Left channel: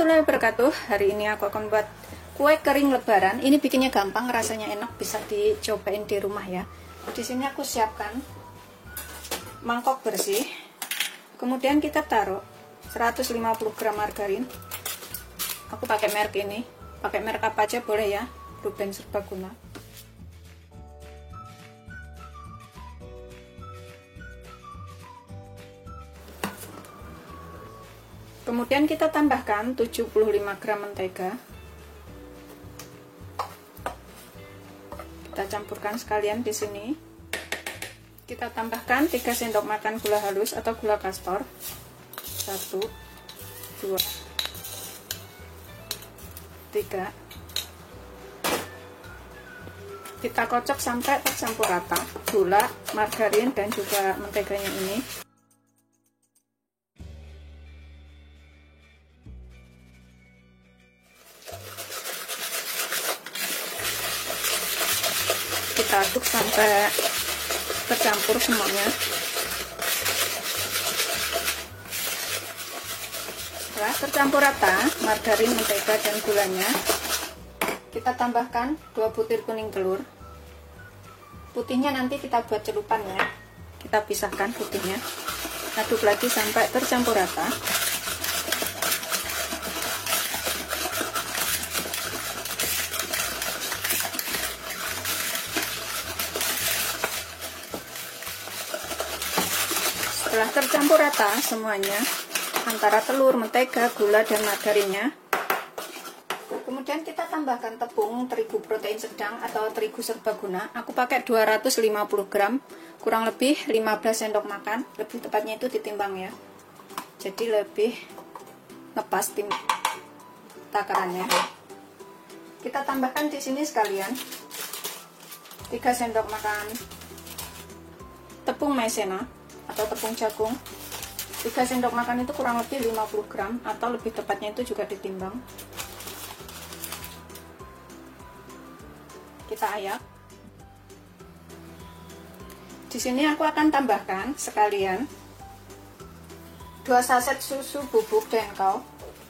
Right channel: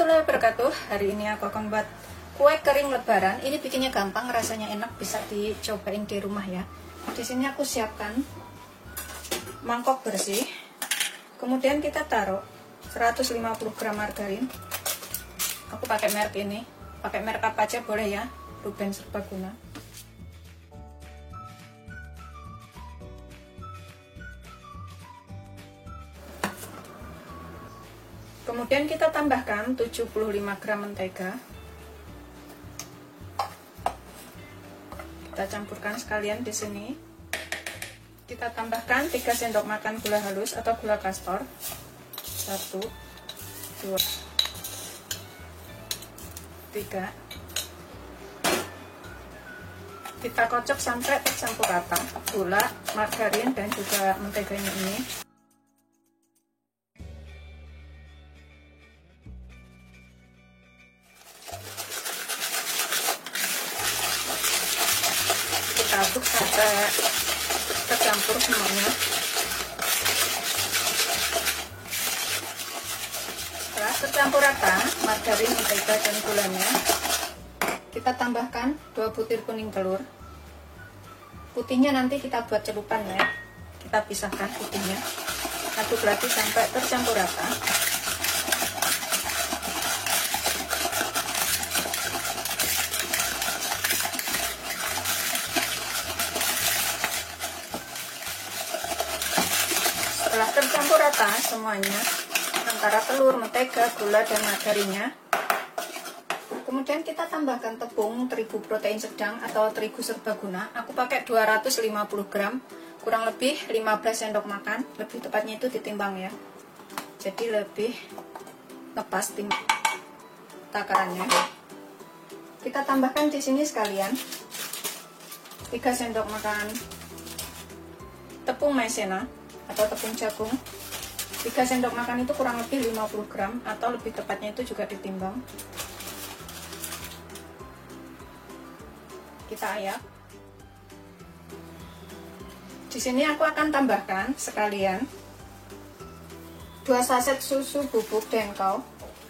warahmatullahi wabarakatuh. Hari ini aku akan buat kue kering lebaran. Ini bikinnya gampang, rasanya enak, bisa dicobain di rumah ya. Di sini aku siapkan mangkok bersih. Kemudian kita taruh 150 gram margarin. Aku pakai merek ini, pakai merek apa aja boleh ya, Ruben Serbaguna. Kemudian kita tambahkan 75 gram mentega. Kita campurkan sekalian di sini. Kita tambahkan 3 sendok makan gula halus atau gula kastor. 1 2 3. Kita kocok sampai tercampur rata gula, margarin dan juga menteganya ini. Kita aduk sampai tercampur semuanya. Setelah tercampur rata margarin, mentega dan gulanya, kita tambahkan 2 butir kuning telur. Putihnya nanti kita buat celupan ya. Kita pisahkan putihnya. Aduk lagi sampai tercampur rata. Setelah tercampur rata semuanya antara telur, mentega, gula dan margarinnya, kemudian kita tambahkan tepung terigu protein sedang atau terigu serbaguna. Aku pakai 250 gram, kurang lebih 15 sendok makan. Lebih tepatnya itu ditimbang ya, jadi lebih lepas takarannya. Kita tambahkan di sini sekalian 3 sendok makan tepung maizena atau tepung jagung. 3 sendok makan itu kurang lebih 50 gram atau lebih tepatnya itu juga ditimbang. Kita ayak. Di sini aku akan tambahkan sekalian 2 saset susu bubuk dengkau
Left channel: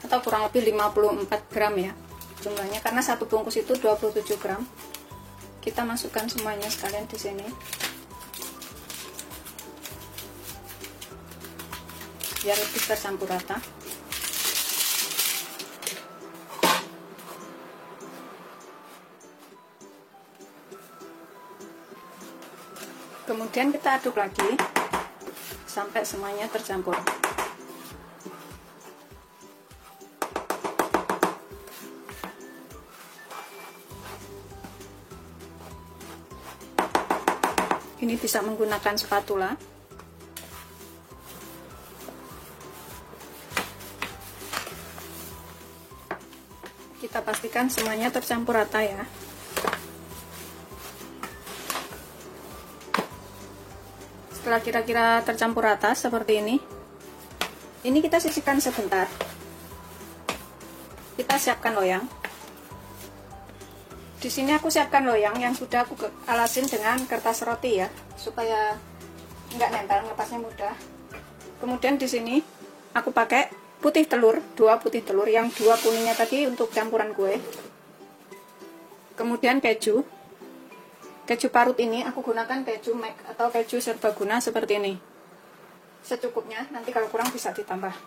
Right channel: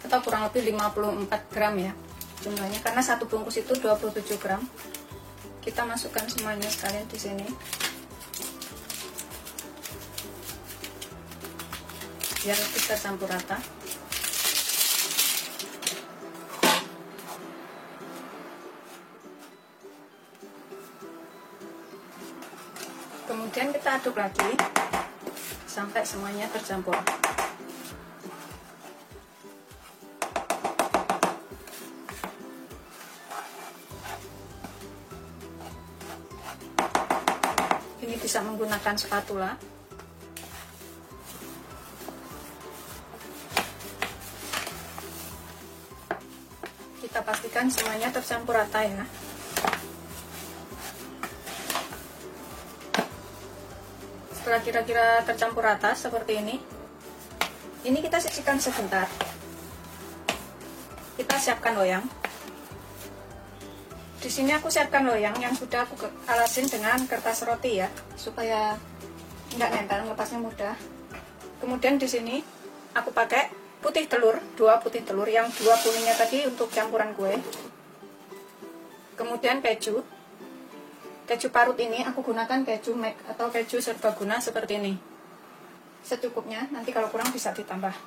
atau kurang lebih 54 gram ya jumlahnya, karena satu bungkus itu 27 gram. Kita masukkan semuanya sekalian di sini. Biar lebih tercampur rata. Kemudian kita aduk lagi sampai semuanya tercampur. Ini bisa menggunakan spatula. Kita pastikan semuanya tercampur rata ya. Setelah kira-kira tercampur rata seperti ini kita sisihkan sebentar. Kita siapkan loyang. Di sini aku siapkan loyang yang sudah aku alasin dengan kertas roti ya, supaya nggak nempel, lepasnya mudah. Kemudian di sini aku pakai putih telur, 2 putih telur, yang 2 kuningnya tadi untuk campuran kue. Kemudian keju parut ini aku gunakan keju McD atau keju serbaguna seperti ini. Secukupnya, nanti kalau kurang bisa ditambah.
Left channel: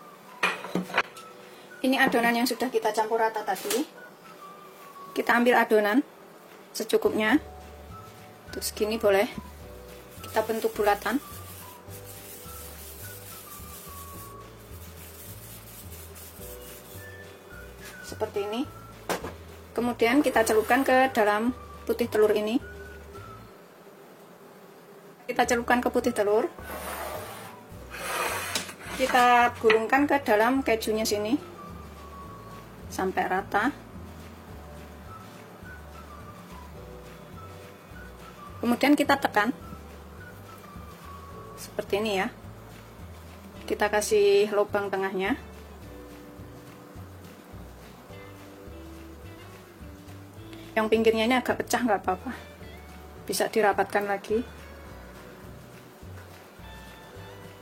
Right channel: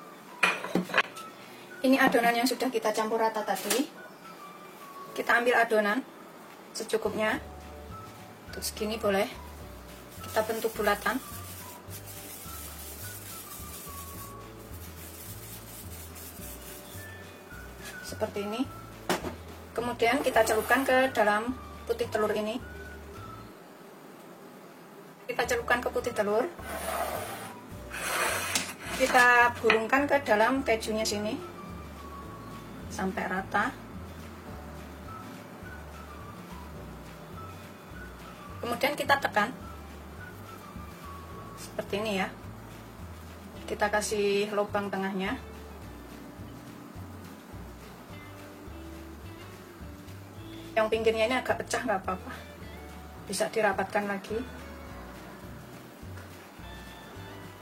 Ini adonan yang sudah kita campur rata tadi. Kita ambil adonan secukupnya. Terus gini boleh. Kita bentuk bulatan. Seperti ini. Kemudian kita celupkan ke dalam putih telur ini. Kita celupkan ke putih telur. Kita gulungkan ke dalam kejunya sini sampai rata. Kemudian kita tekan seperti ini ya. Kita kasih lubang tengahnya. Yang pinggirnya ini agak pecah nggak apa-apa, bisa dirapatkan lagi.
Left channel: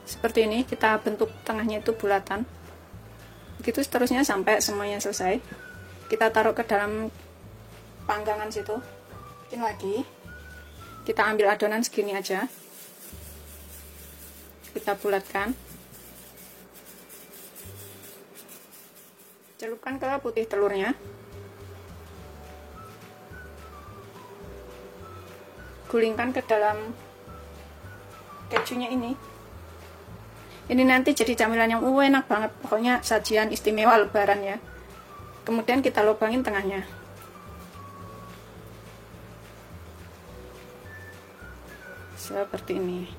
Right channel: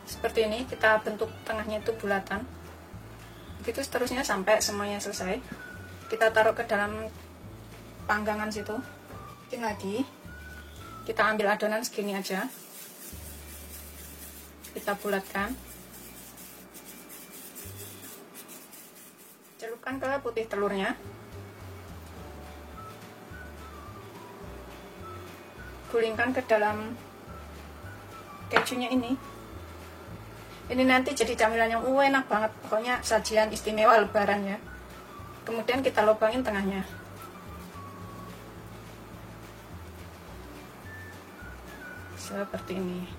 Seperti ini, kita bentuk tengahnya itu bulatan. Begitu seterusnya sampai semuanya selesai. Kita taruh ke dalam panggangan situ. Bikin lagi. Kita ambil adonan segini aja. Kita bulatkan. Celupkan ke putih telurnya. Gulingkan ke dalam kejunya ini. Ini nanti jadi camilan yang enak banget. Pokoknya sajian istimewa lebaran ya. Kemudian kita lubangin tengahnya. Seperti ini.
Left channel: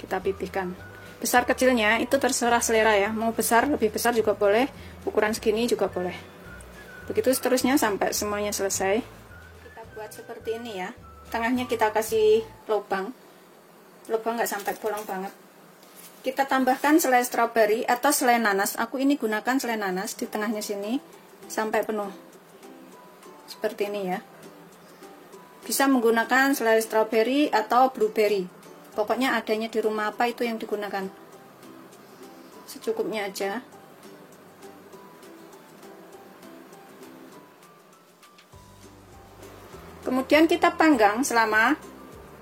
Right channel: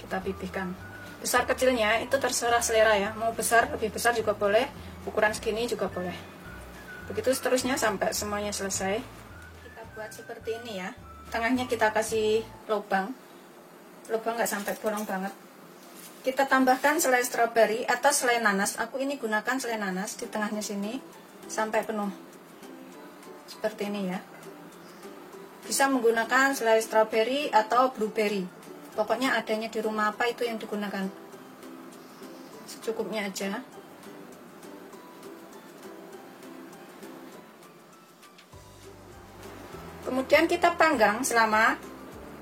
Kita pipihkan. Besar kecilnya itu terserah selera ya. Mau besar, lebih besar juga boleh. Ukuran segini juga boleh. Begitu seterusnya sampai semuanya selesai. Kita buat seperti ini ya. Tengahnya kita kasih lubang. Lubang nggak sampai bolong banget. Kita tambahkan selai stroberi atau selai nanas. Aku ini gunakan selai nanas di tengahnya sini sampai penuh. Seperti ini ya. Bisa menggunakan selai stroberi atau blueberry. Pokoknya adanya di rumah apa itu yang digunakan. Secukupnya aja. Kemudian kita panggang selama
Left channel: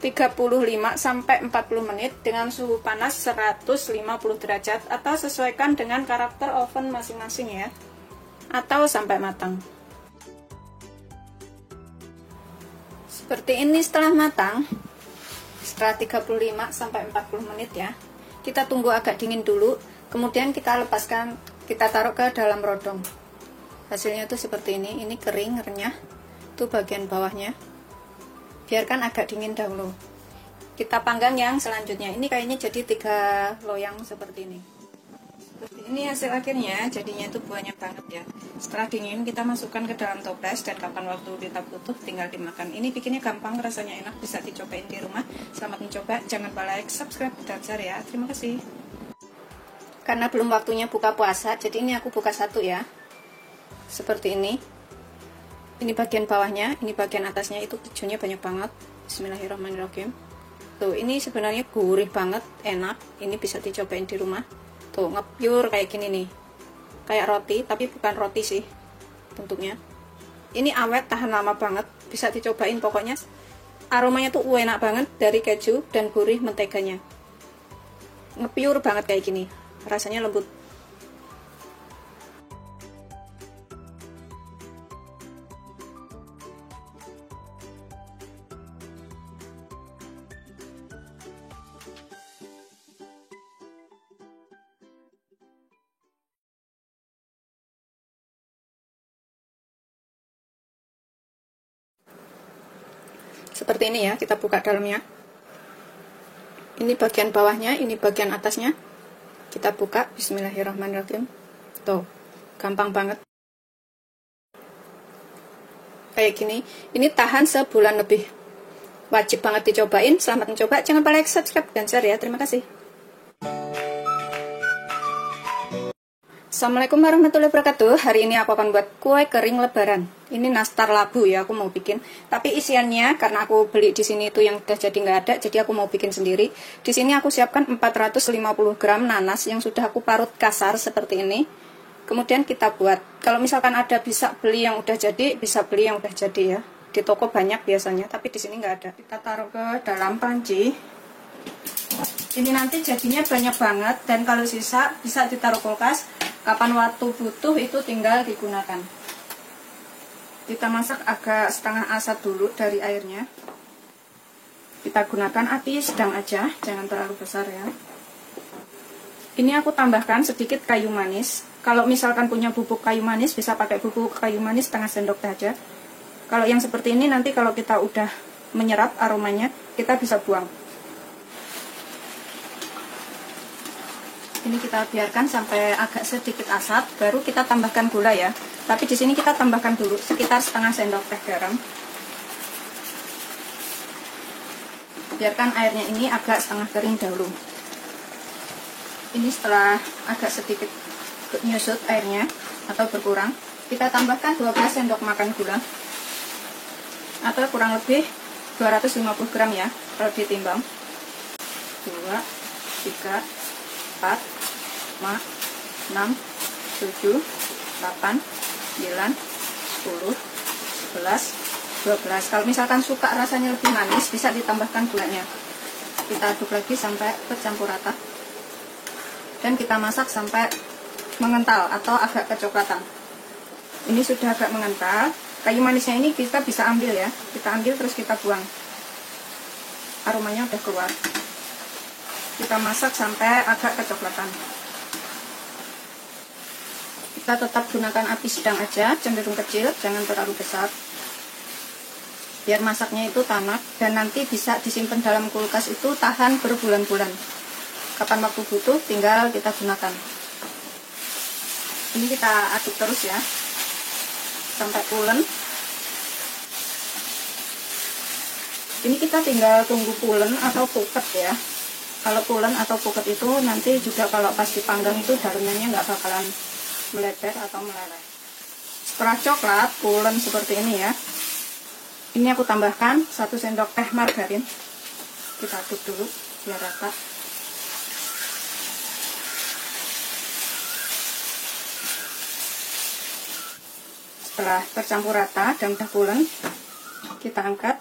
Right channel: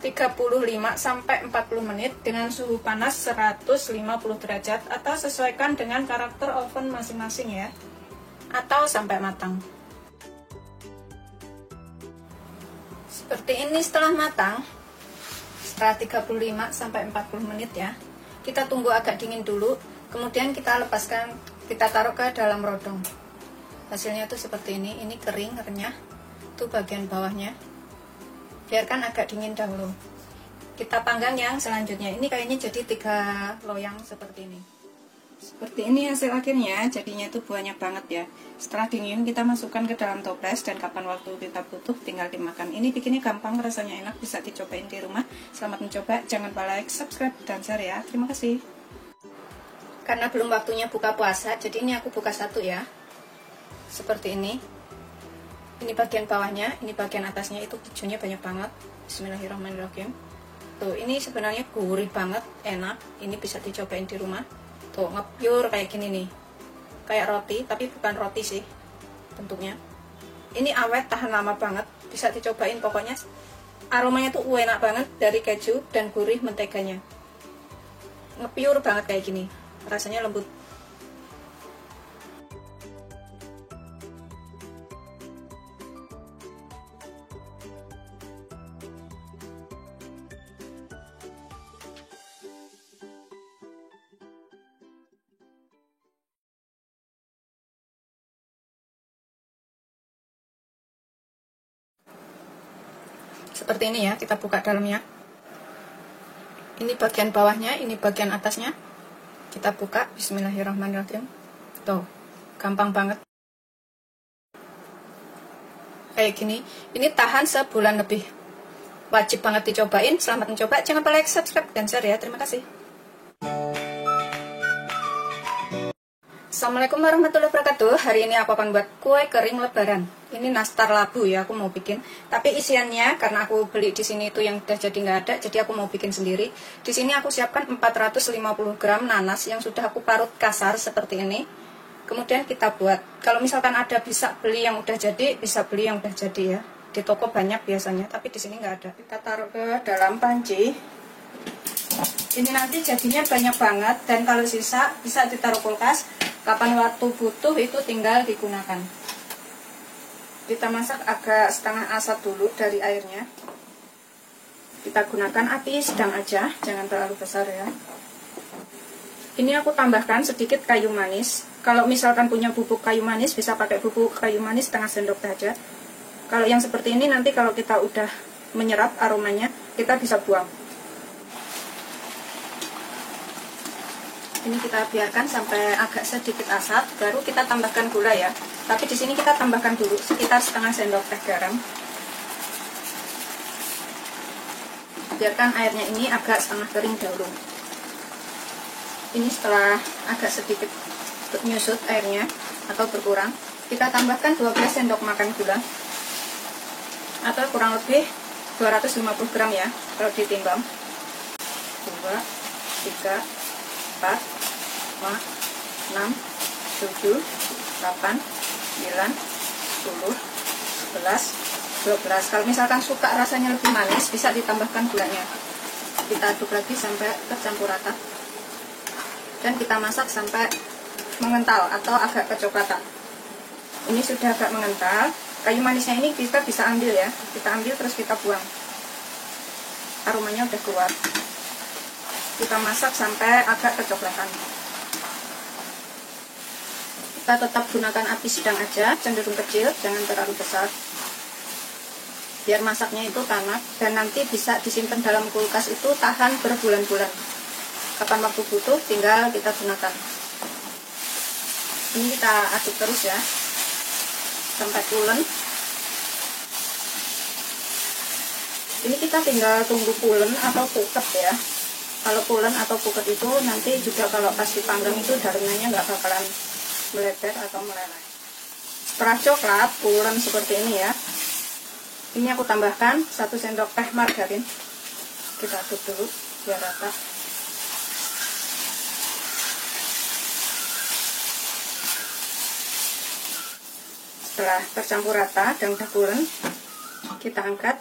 35 sampai 40 menit dengan suhu panas 150 derajat atau sesuaikan dengan karakter oven masing-masing ya. Atau sampai matang. Seperti ini setelah matang. Setelah 35 sampai 40 menit ya. Kita tunggu agak dingin dulu, kemudian kita lepaskan, kita taruh ke dalam rodong. Hasilnya tuh seperti ini kering, renyah. Itu bagian bawahnya. Biarkan agak dingin dahulu. Kita panggang yang selanjutnya. Ini kayaknya jadi 3 loyang seperti ini. Seperti ini hasil akhirnya. Jadinya itu banyak banget ya. Setelah dingin kita masukkan ke dalam toples. Dan kapan waktu kita butuh tinggal dimakan. Ini bikinnya gampang, rasanya enak. Bisa dicobain di rumah. Selamat mencoba. Jangan lupa like, subscribe, dan share ya. Terima kasih. Karena belum waktunya buka puasa, jadi ini aku buka satu ya. Seperti ini. Ini bagian bawahnya, ini bagian atasnya, itu kejunya banyak banget. Bismillahirrahmanirrahim. Tuh, ini sebenarnya gurih banget, enak. Ini bisa dicobain di rumah. Tuh, ngepiur kayak gini nih. Kayak roti, tapi bukan roti sih bentuknya. Ini awet, tahan lama banget. Bisa dicobain, pokoknya aromanya tuh enak banget dari keju dan gurih menteganya. Ngepiur banget kayak gini. Rasanya lembut. Seperti ini ya, kita buka dalamnya. Ini bagian bawahnya, ini bagian atasnya. Kita buka, bismillahirrahmanirrahim. Tuh, gampang banget. Kayak gini, ini tahan sebulan lebih. Wajib banget dicobain, selamat mencoba. Jangan lupa like, subscribe, dan share ya. Terima kasih. Assalamualaikum warahmatullahi wabarakatuh. Hari ini aku akan buat kue kering lebaran. Ini nastar labu ya, aku mau bikin. Tapi isiannya karena aku beli di sini itu yang udah jadi nggak ada, jadi aku mau bikin sendiri. Di sini aku siapkan 450 gram nanas yang sudah aku parut kasar seperti ini. Kemudian kita buat. Kalau misalkan ada bisa beli yang udah jadi, bisa beli yang udah jadi ya. Di toko banyak biasanya, tapi di sini nggak ada. Kita taruh ke dalam panci. Ini nanti jadinya banyak banget dan kalau sisa bisa ditaruh kulkas. Kapan waktu butuh itu tinggal digunakan. Kita masak agak setengah asap dulu dari airnya. Kita gunakan api sedang aja, jangan terlalu besar ya. Ini aku tambahkan sedikit kayu manis. Kalau misalkan punya bubuk kayu manis bisa pakai bubuk kayu manis setengah sendok saja. Kalau yang seperti ini nanti kalau kita udah menyerap aromanya, kita bisa buang. Ini kita biarkan sampai agak sedikit asap, baru kita tambahkan gula ya. Tapi di sini kita tambahkan dulu sekitar setengah sendok teh garam. Biarkan airnya ini agak setengah kering dahulu. Ini setelah agak sedikit menyusut airnya atau berkurang, kita tambahkan 12 sendok makan gula. Atau kurang lebih 250 gram ya kalau ditimbang. 2, 3, 4, 5, 6, 7, 7, 8, 9, 10, 11, 12. Kalau misalkan suka rasanya lebih manis, bisa ditambahkan gulanya. Kita aduk lagi sampai tercampur rata. Dan kita masak sampai mengental atau agak kecoklatan. Ini sudah agak mengental. Kayu manisnya ini kita bisa ambil ya. Kita ambil terus kita buang. Aromanya udah keluar. Kita masak sampai agak kecoklatan. Kita tetap gunakan api sedang aja, cenderung kecil, jangan terlalu besar. Biar masaknya itu tanak dan nanti bisa disimpan dalam kulkas itu tahan berbulan-bulan. Kapan waktu butuh tinggal kita gunakan. Ini kita aduk terus ya sampai pulen. Ini kita tinggal tunggu pulen atau puket ya. Kalau pulen atau puket itu nanti juga kalau pas dipanggang itu daunnya nggak bakalan melebar atau meleleh. Setelah coklat pulen seperti ini ya, ini aku tambahkan 1 sendok teh margarin. Kita aduk dulu biar rata. Setelah tercampur rata dan udah pulen, kita angkat,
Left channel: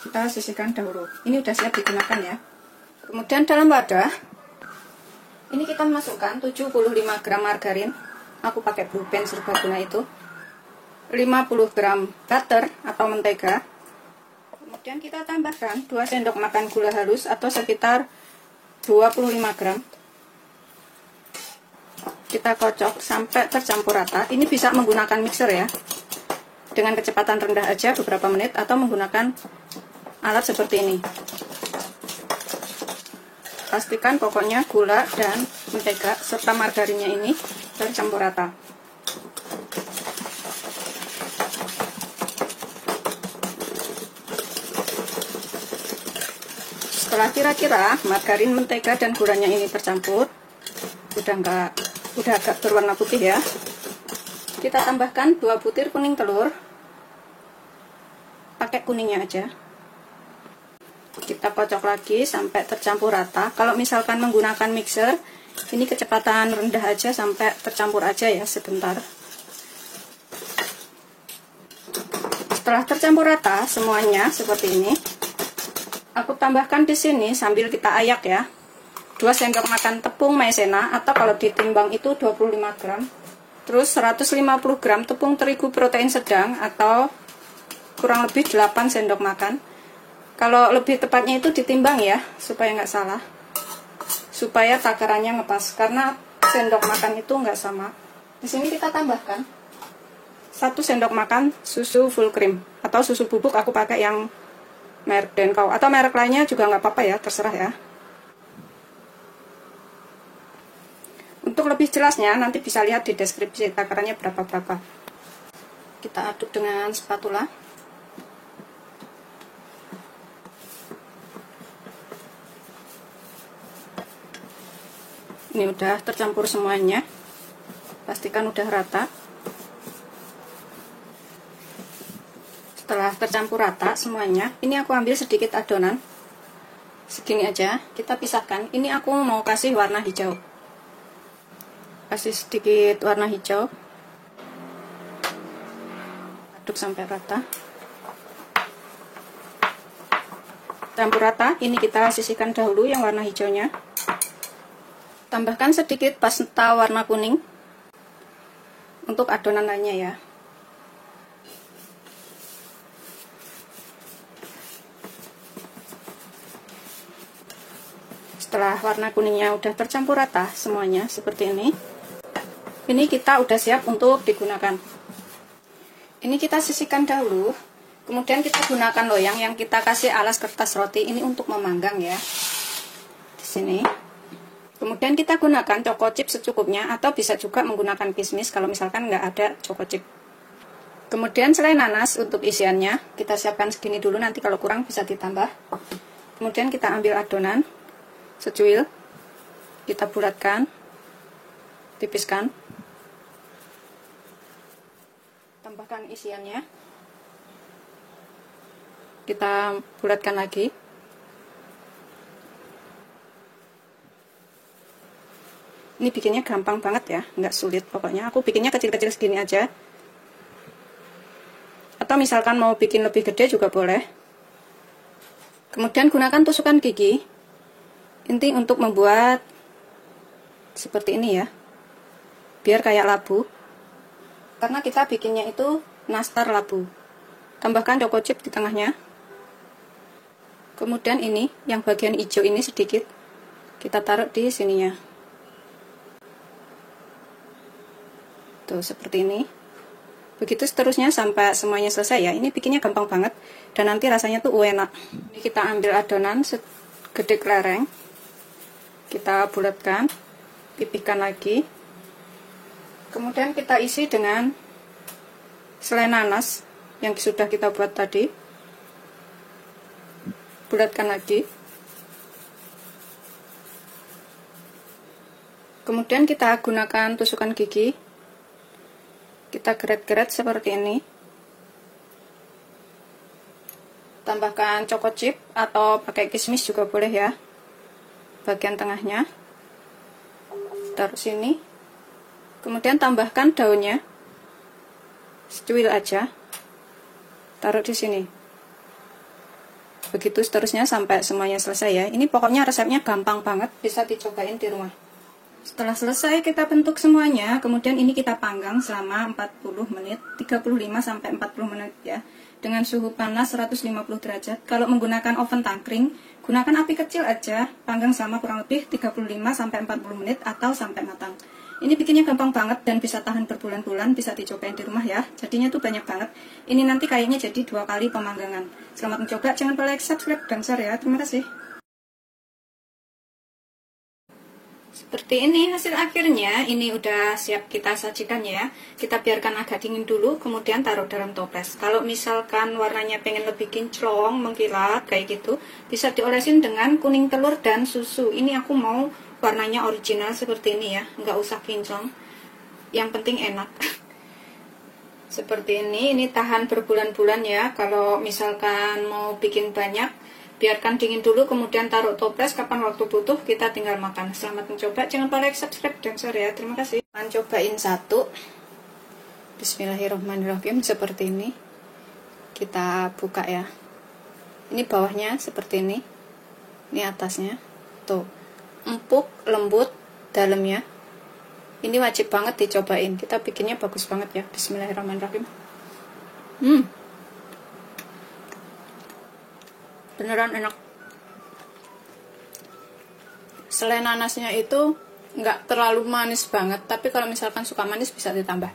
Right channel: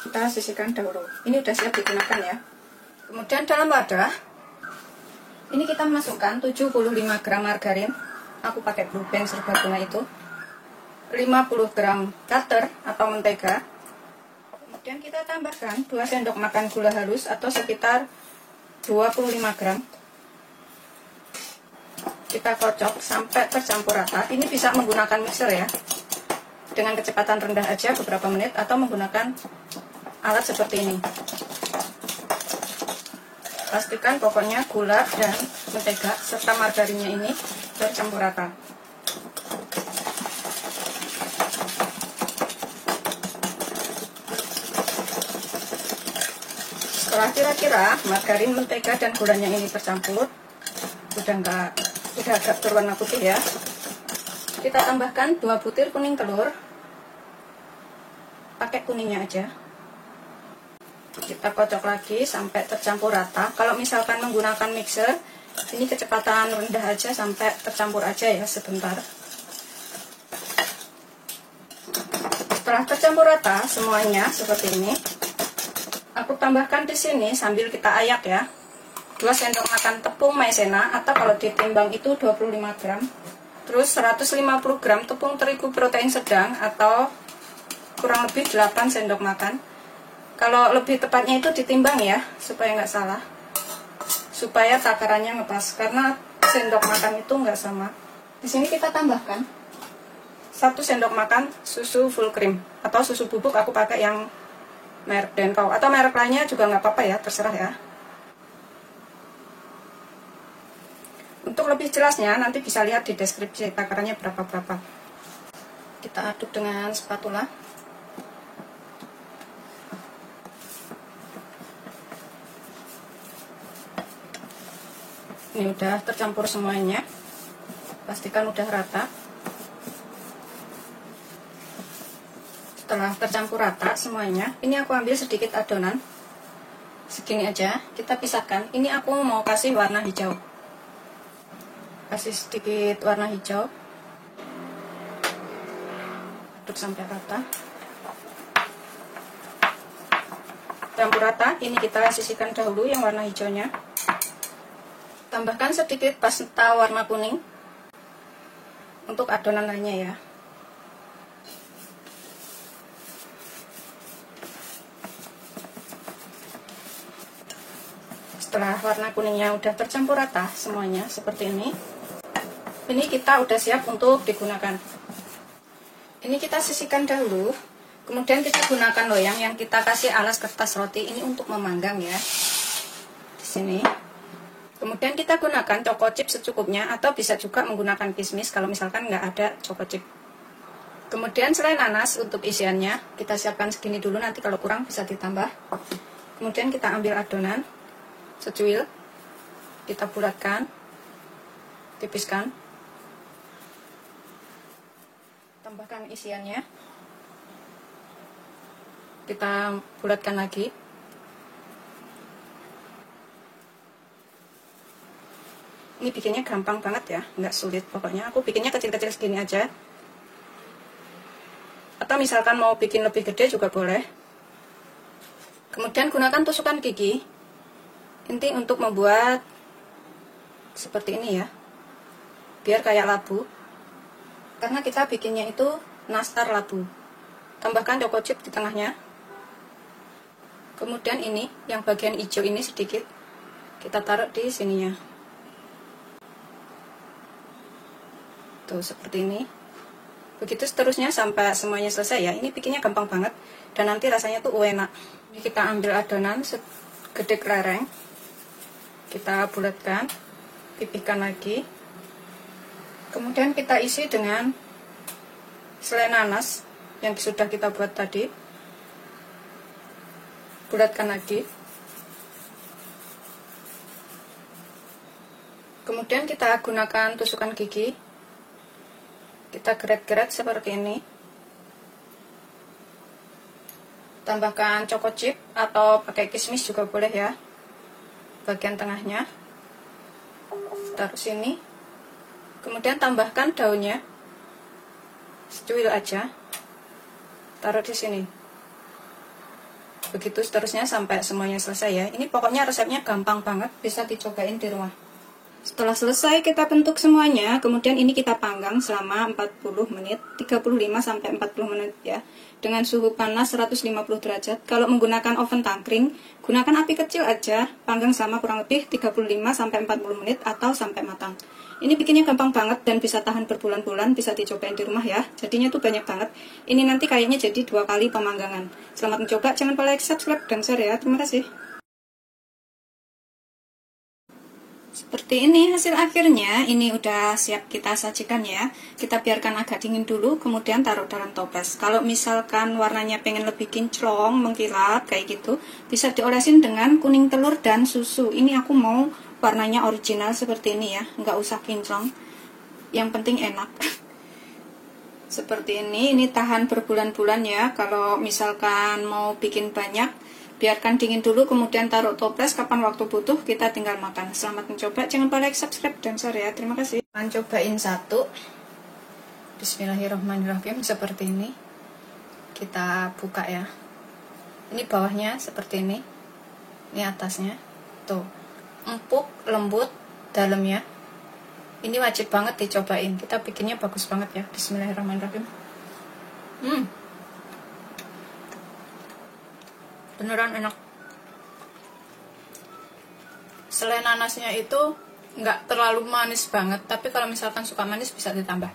kita sisihkan dahulu. Ini udah siap digunakan ya. Kemudian dalam wadah ini kita masukkan 75 gram margarin. Aku pakai Blue Band serbaguna itu. 50 gram butter atau mentega. Kemudian kita tambahkan 2 sendok makan gula halus atau sekitar 25 gram. Kita kocok sampai tercampur rata. Ini bisa menggunakan mixer ya. Dengan kecepatan rendah aja beberapa menit atau menggunakan alat seperti ini. Pastikan pokoknya gula dan mentega serta margarinnya ini tercampur rata. Setelah kira-kira margarin, mentega dan gulanya ini tercampur, udah agak berwarna putih ya. Kita tambahkan 2 butir kuning telur. Pakai kuningnya aja. Kita kocok lagi sampai tercampur rata. Kalau misalkan menggunakan mixer, ini kecepatan rendah aja sampai tercampur aja ya sebentar. Setelah tercampur rata semuanya seperti ini, aku tambahkan di sini sambil kita ayak ya, 2 sendok makan tepung maizena atau kalau ditimbang itu 25 gram. Terus 150 gram tepung terigu protein sedang atau kurang lebih 8 sendok makan. Kalau lebih tepatnya itu ditimbang ya, supaya nggak salah. Supaya takarannya ngepas, karena sendok makan itu nggak sama. Di sini kita tambahkan 1 sendok makan susu full cream atau susu bubuk. Aku pakai yang merek Denkau atau merek lainnya juga nggak apa-apa ya, terserah ya. Untuk lebih jelasnya nanti bisa lihat di deskripsi takarannya berapa-berapa. Kita aduk dengan spatula. Ini udah tercampur semuanya. Pastikan udah rata. Setelah tercampur rata semuanya, ini aku ambil sedikit adonan. Segini aja, kita pisahkan. Ini aku mau kasih warna hijau. Kasih sedikit warna hijau. Aduk sampai rata. Campur rata, ini kita sisihkan dahulu yang warna hijaunya. Tambahkan sedikit pasta warna kuning untuk adonan lainnya ya. Setelah warna kuningnya udah tercampur rata semuanya seperti ini kita udah siap untuk digunakan. Ini kita sisihkan dahulu, kemudian kita gunakan loyang yang kita kasih alas kertas roti ini untuk memanggang ya. Di sini. Kemudian kita gunakan choco chip secukupnya atau bisa juga menggunakan kismis kalau misalkan nggak ada choco chip. Kemudian selai nanas untuk isiannya kita siapkan segini dulu, nanti kalau kurang bisa ditambah. Kemudian kita ambil adonan secuil, kita bulatkan, tipiskan, tambahkan isiannya, kita bulatkan lagi. Ini bikinnya gampang banget ya, nggak sulit pokoknya. Aku bikinnya kecil-kecil segini aja. Atau misalkan mau bikin lebih gede juga boleh. Kemudian gunakan tusukan gigi. Inti untuk membuat seperti ini ya. Biar kayak labu. Karena kita bikinnya itu nastar labu. Tambahkan choco chip di tengahnya. Kemudian ini, yang bagian hijau ini sedikit. Kita taruh di sininya. Tuh, seperti ini. Begitu seterusnya sampai semuanya selesai ya. Ini bikinnya gampang banget. Dan nanti rasanya tuh enak. Ini kita ambil adonan segede kelereng. Kita bulatkan. Pipihkan lagi. Kemudian kita isi dengan selai nanas yang sudah kita buat tadi. Bulatkan lagi. Kemudian kita gunakan tusukan gigi. Kita geret-geret seperti ini. Tambahkan choco chip atau pakai kismis juga boleh ya. Bagian tengahnya. Taruh sini. Kemudian tambahkan daunnya. Secuil aja. Taruh di sini. Begitu seterusnya sampai semuanya selesai ya. Ini pokoknya resepnya gampang banget, bisa dicobain di rumah. Setelah selesai kita bentuk semuanya, kemudian ini kita panggang selama 40 menit, 35-40 menit ya. Dengan suhu panas 150 derajat. Kalau menggunakan oven tangkring, gunakan api kecil aja, panggang selama kurang lebih 35-40 menit atau sampai matang. Ini bikinnya gampang banget dan bisa tahan berbulan-bulan, bisa dicobain di rumah ya. Jadinya tuh banyak banget. Ini nanti kayaknya jadi 2 kali pemanggangan. Selamat mencoba, jangan lupa like, subscribe, dan share ya. Terima kasih. Seperti ini hasil akhirnya. Ini udah siap kita sajikan ya. Kita biarkan agak dingin dulu, kemudian taruh dalam toples. Kalau misalkan warnanya pengen lebih kinclong, mengkilap kayak gitu, bisa diolesin dengan kuning telur dan susu. Ini aku mau warnanya original seperti ini ya, nggak usah kinclong. Yang penting enak. Seperti ini tahan berbulan-bulan ya. Kalau misalkan mau bikin banyak, biarkan dingin dulu, kemudian taruh toples. Kapan waktu butuh, kita tinggal makan. Selamat mencoba, jangan lupa like, subscribe, dan share ya. Terima kasih. Cobain satu. Bismillahirrahmanirrahim. Seperti ini. Kita buka ya. Ini bawahnya seperti ini. Ini atasnya. Tuh. Empuk, lembut, dalamnya. Ini wajib banget dicobain. Kita bikinnya bagus banget ya. Bismillahirrahmanirrahim. Beneran enak. Selai nanasnya itu nggak terlalu manis banget, tapi kalau misalkan suka manis bisa ditambah.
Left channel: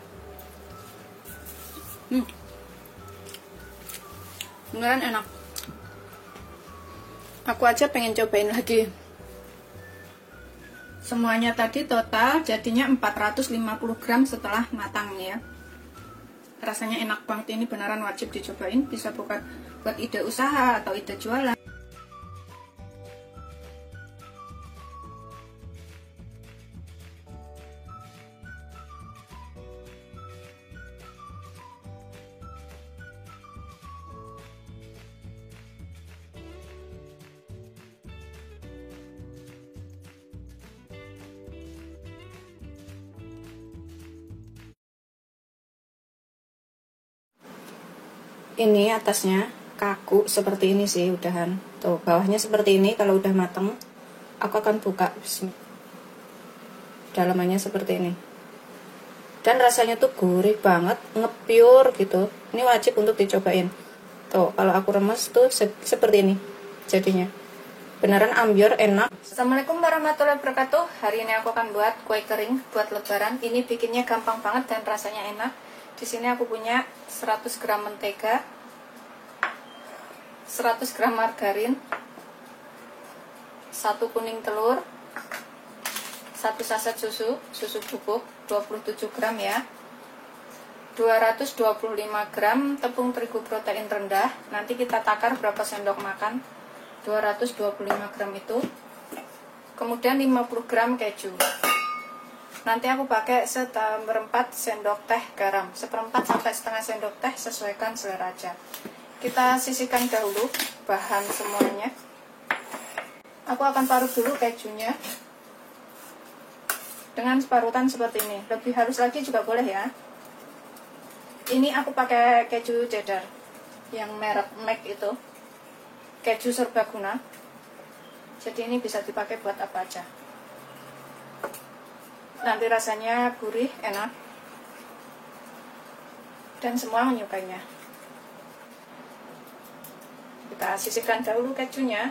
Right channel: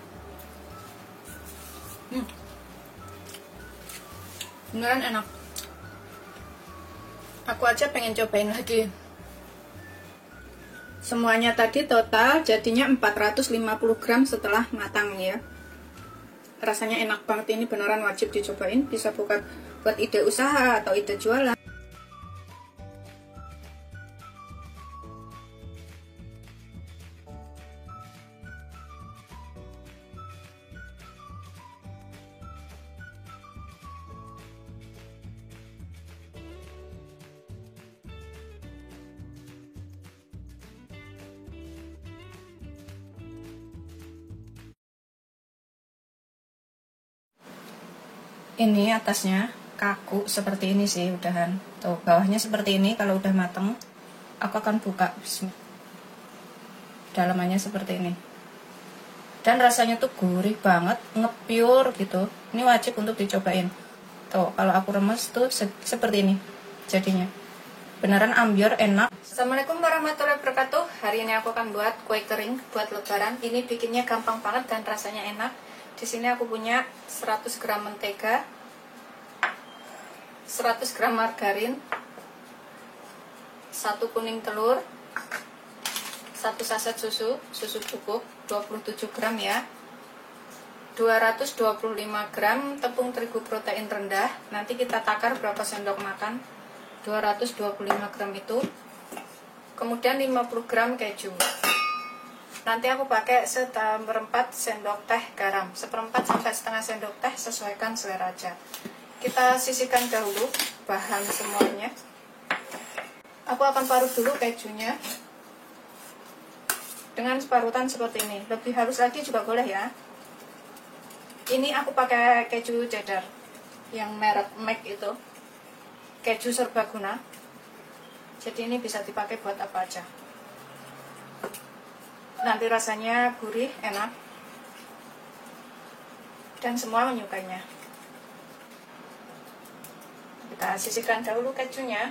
Beneran enak. Aku aja pengen cobain lagi. Semuanya tadi total jadinya 450 gram setelah matang ya. Rasanya enak banget, ini beneran wajib dicobain. Bisa buat ide usaha atau ide jualan. Ini atasnya kaku seperti ini sih udahan. Tuh bawahnya seperti ini. Kalau udah mateng, aku akan buka. Dalamannya seperti ini. Dan rasanya tuh gurih banget, ngepiur gitu. Ini wajib untuk dicobain. Tuh kalau aku remes tuh seperti ini jadinya. Beneran ambiar, enak. Assalamualaikum warahmatullahi wabarakatuh. Hari ini aku akan buat kue kering buat lebaran. Ini bikinnya gampang banget dan rasanya enak. Di sini aku punya 100 gram mentega, 100 gram margarin, 1 kuning telur, 1 saset susu bubuk 27 gram ya, 225 gram tepung terigu protein rendah. Nanti kita takar berapa sendok makan. 225 gram itu. Kemudian 50 gram keju. Nanti aku pakai seperempat sendok teh garam, seperempat sampai setengah sendok teh, sesuaikan selera aja. Kita sisihkan dahulu bahan semuanya. Aku akan parut dulu kejunya. dengan separutan seperti ini. Lebih halus lagi juga boleh ya. Ini aku pakai keju cheddar yang merek McD itu, keju serbaguna. Jadi ini bisa dipakai buat apa aja. Nanti rasanya gurih, enak, dan semua menyukainya. Kita sisihkan dahulu kejunya.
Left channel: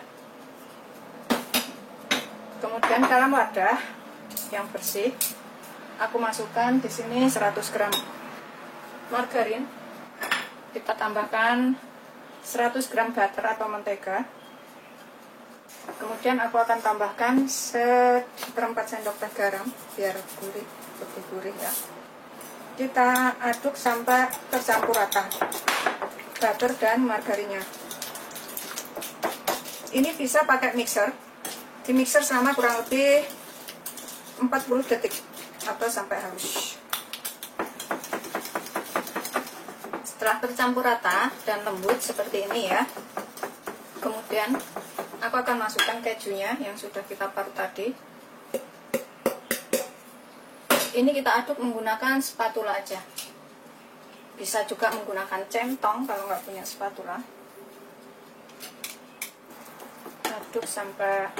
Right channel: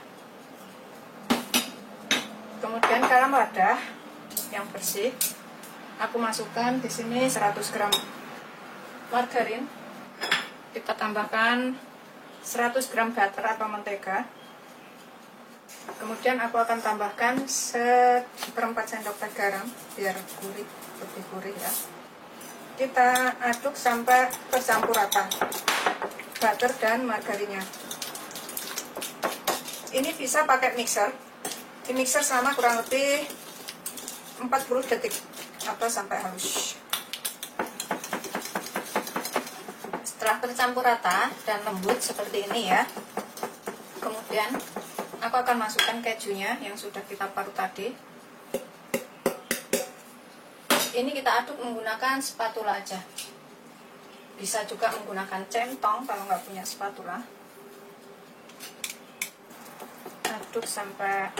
Kemudian dalam wadah yang bersih, aku masukkan di sini 100 gram margarin. Kita tambahkan 100 gram butter atau mentega. Kemudian aku akan tambahkan 1/4 sendok teh garam biar gurih, lebih gurih ya. Kita aduk sampai tercampur rata butter dan margarinnya. Ini bisa pakai mixer. Di mixer selama kurang lebih 40 detik atau sampai halus. Setelah tercampur rata dan lembut seperti ini ya, kemudian aku akan masukkan kejunya yang sudah kita parut tadi. Ini kita aduk menggunakan spatula aja. Bisa juga menggunakan centong kalau nggak punya spatula. Aduk sampai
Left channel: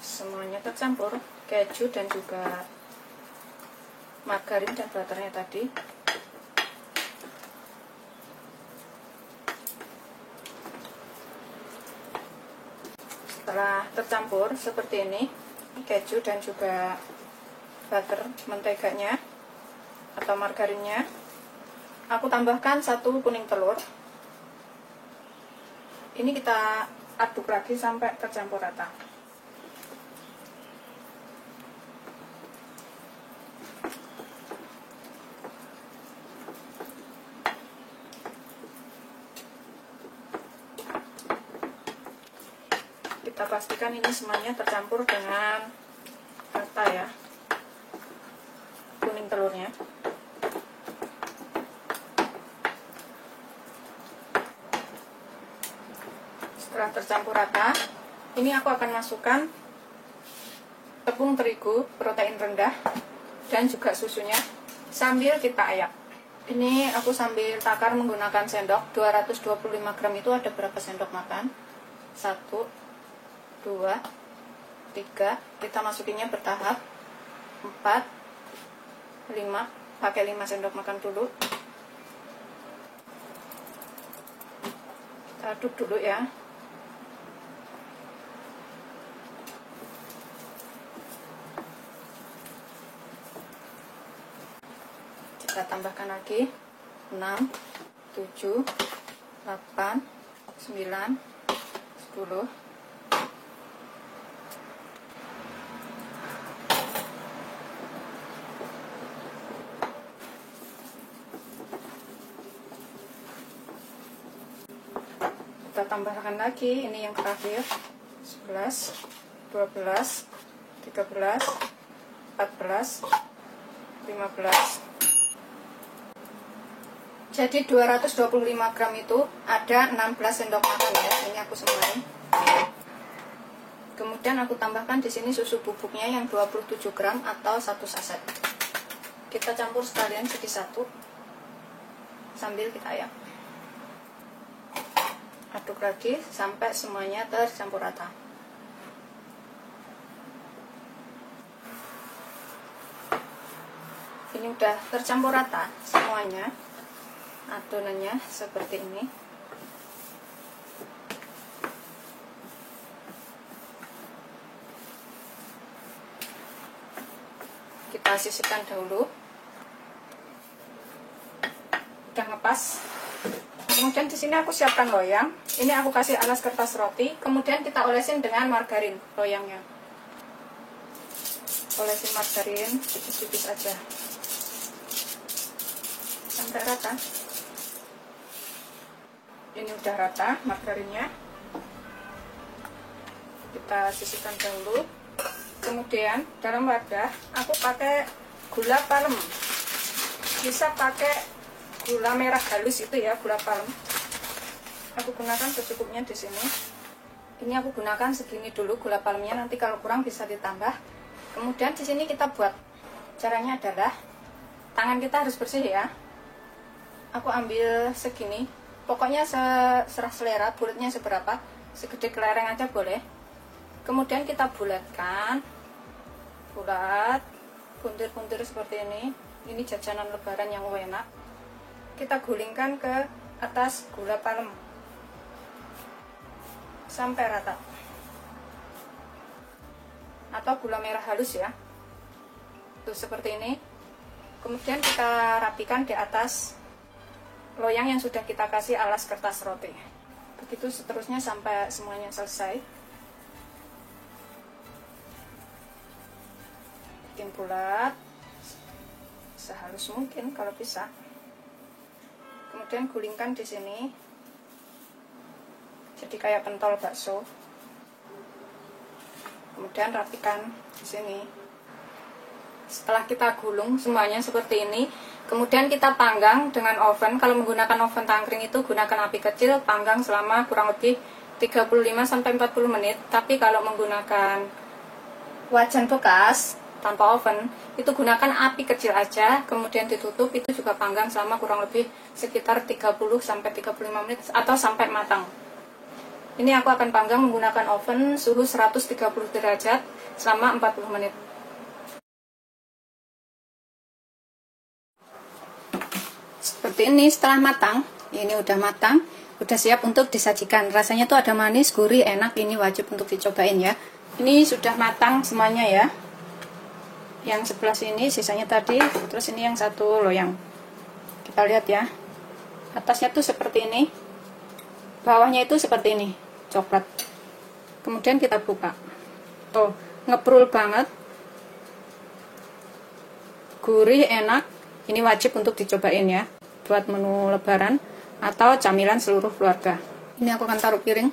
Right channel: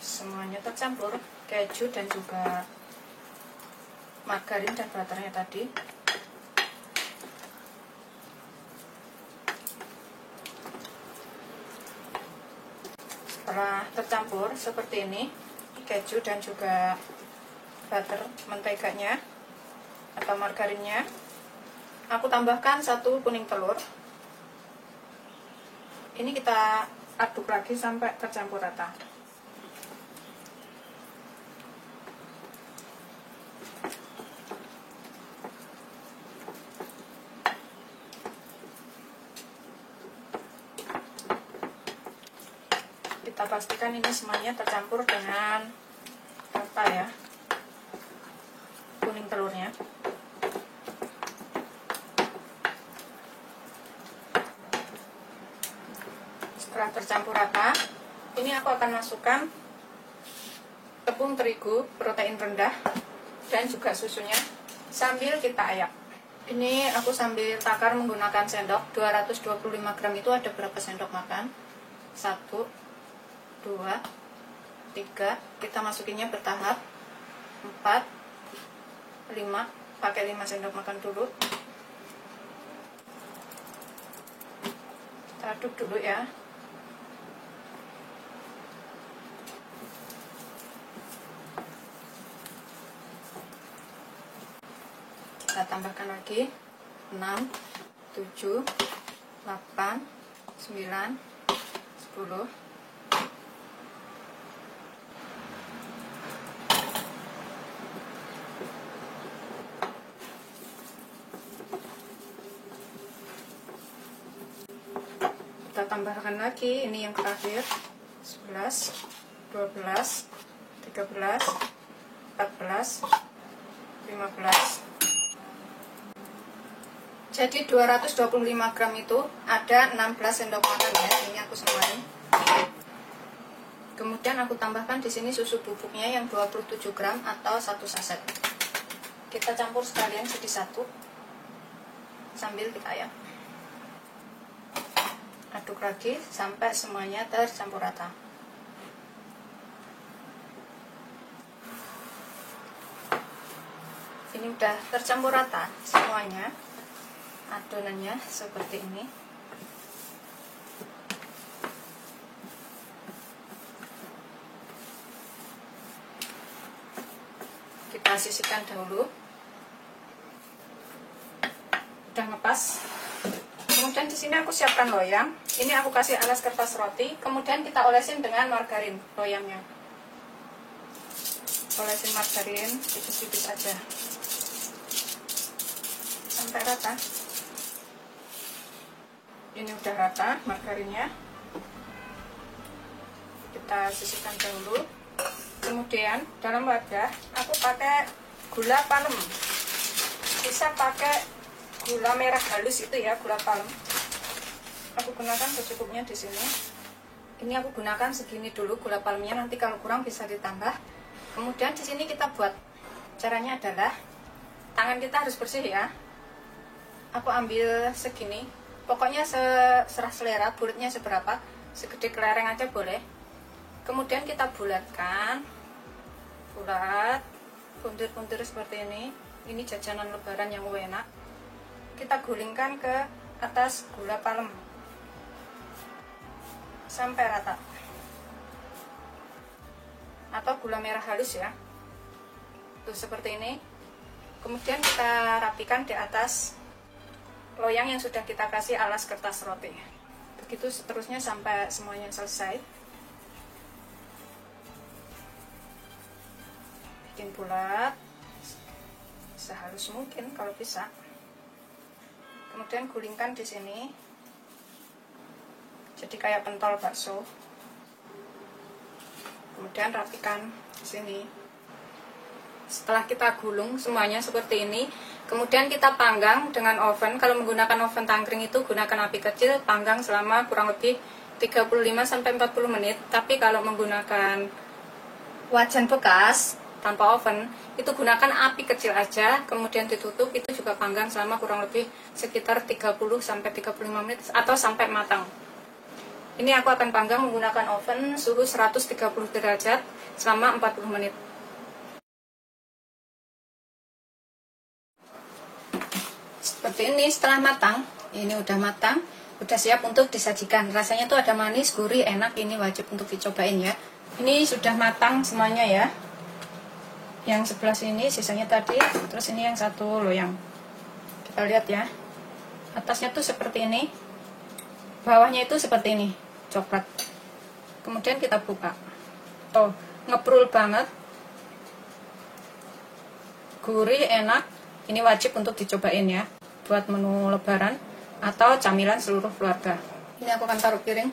semuanya tercampur, keju dan juga margarin dan butternya tadi. Setelah tercampur seperti ini, keju dan juga butter, menteganya atau margarinnya, aku tambahkan 1 kuning telur. Ini kita aduk lagi sampai tercampur rata. Kita pastikan ini semuanya tercampur dengan rata ya, kuning telurnya. Setelah tercampur rata, ini aku akan masukkan tepung terigu protein rendah dan juga susunya sambil kita ayak. Ini aku sambil takar menggunakan sendok. 225 gram itu ada berapa sendok makan? 1, 2, 3. Kita masukinnya bertahap. 4, 5. Pakai 5 sendok makan dulu. Kita aduk dulu ya. Kita tambahkan lagi 6, 7, 8, 9, 10. Kita tambahkan lagi, ini yang terakhir, 11, 12, 13, 14, 15. Jadi 225 gram itu ada 16 sendok makan ya. Ini aku semuanya. Kemudian aku tambahkan di sini susu bubuknya yang 27 gram atau 1 saset. Kita campur sekalian jadi satu sambil kita ayak. Aduk lagi sampai semuanya tercampur rata. Ini udah tercampur rata semuanya. Adonannya seperti ini. Kita sisihkan dahulu. Udah ngepas. Kemudian di sini aku siapkan loyang. Ini aku kasih alas kertas roti. Kemudian kita olesin dengan margarin loyangnya. Olesin margarin tipis-tipis aja sampai rata. Ini udah rata margarinnya. Kita sisihkan dahulu. Kemudian dalam wadah aku pakai gula palem. Bisa pakai gula merah halus itu ya, gula palem. Aku gunakan secukupnya di sini. Ini aku gunakan segini dulu gula palemnya. Nanti kalau kurang bisa ditambah. Kemudian di sini kita buat, caranya adalah tangan kita harus bersih ya. Aku ambil segini, pokoknya serah selera, bulatnya seberapa, segede kelereng aja boleh. Kemudian kita bulatkan, bulat, buntir-buntir seperti ini. Ini jajanan lebaran yang enak. Kita gulingkan ke atas gula palem sampai rata, atau gula merah halus ya. Tuh seperti ini. Kemudian kita rapikan di atas loyang yang sudah kita kasih alas kertas roti. Begitu seterusnya sampai semuanya selesai. Bikin bulat sehalus mungkin kalau bisa. Kemudian gulingkan di sini. Jadi kayak pentol bakso. Kemudian rapikan di sini. Setelah kita gulung semuanya seperti ini, kemudian kita panggang dengan oven. Kalau menggunakan oven tangkring itu gunakan api kecil, panggang selama kurang lebih 35-40 menit. Tapi kalau menggunakan wajan bekas tanpa oven, itu gunakan api kecil aja, kemudian ditutup, itu juga panggang selama kurang lebih sekitar 30-35 menit atau sampai matang. Ini aku akan panggang menggunakan oven suhu 130 derajat selama 40 menit. Seperti ini setelah matang, ini udah matang, udah siap untuk disajikan. Rasanya tuh ada manis, gurih, enak, ini wajib untuk dicobain ya. Ini sudah matang semuanya ya. Yang sebelah sini sisanya tadi, terus ini yang satu loyang. Kita lihat ya. Atasnya tuh seperti ini, bawahnya itu seperti ini, coklat. Kemudian kita buka. Tuh, ngeprul banget. Gurih, enak. Ini wajib untuk dicobain ya, buat menu lebaran atau camilan seluruh keluarga. Ini aku akan taruh piring.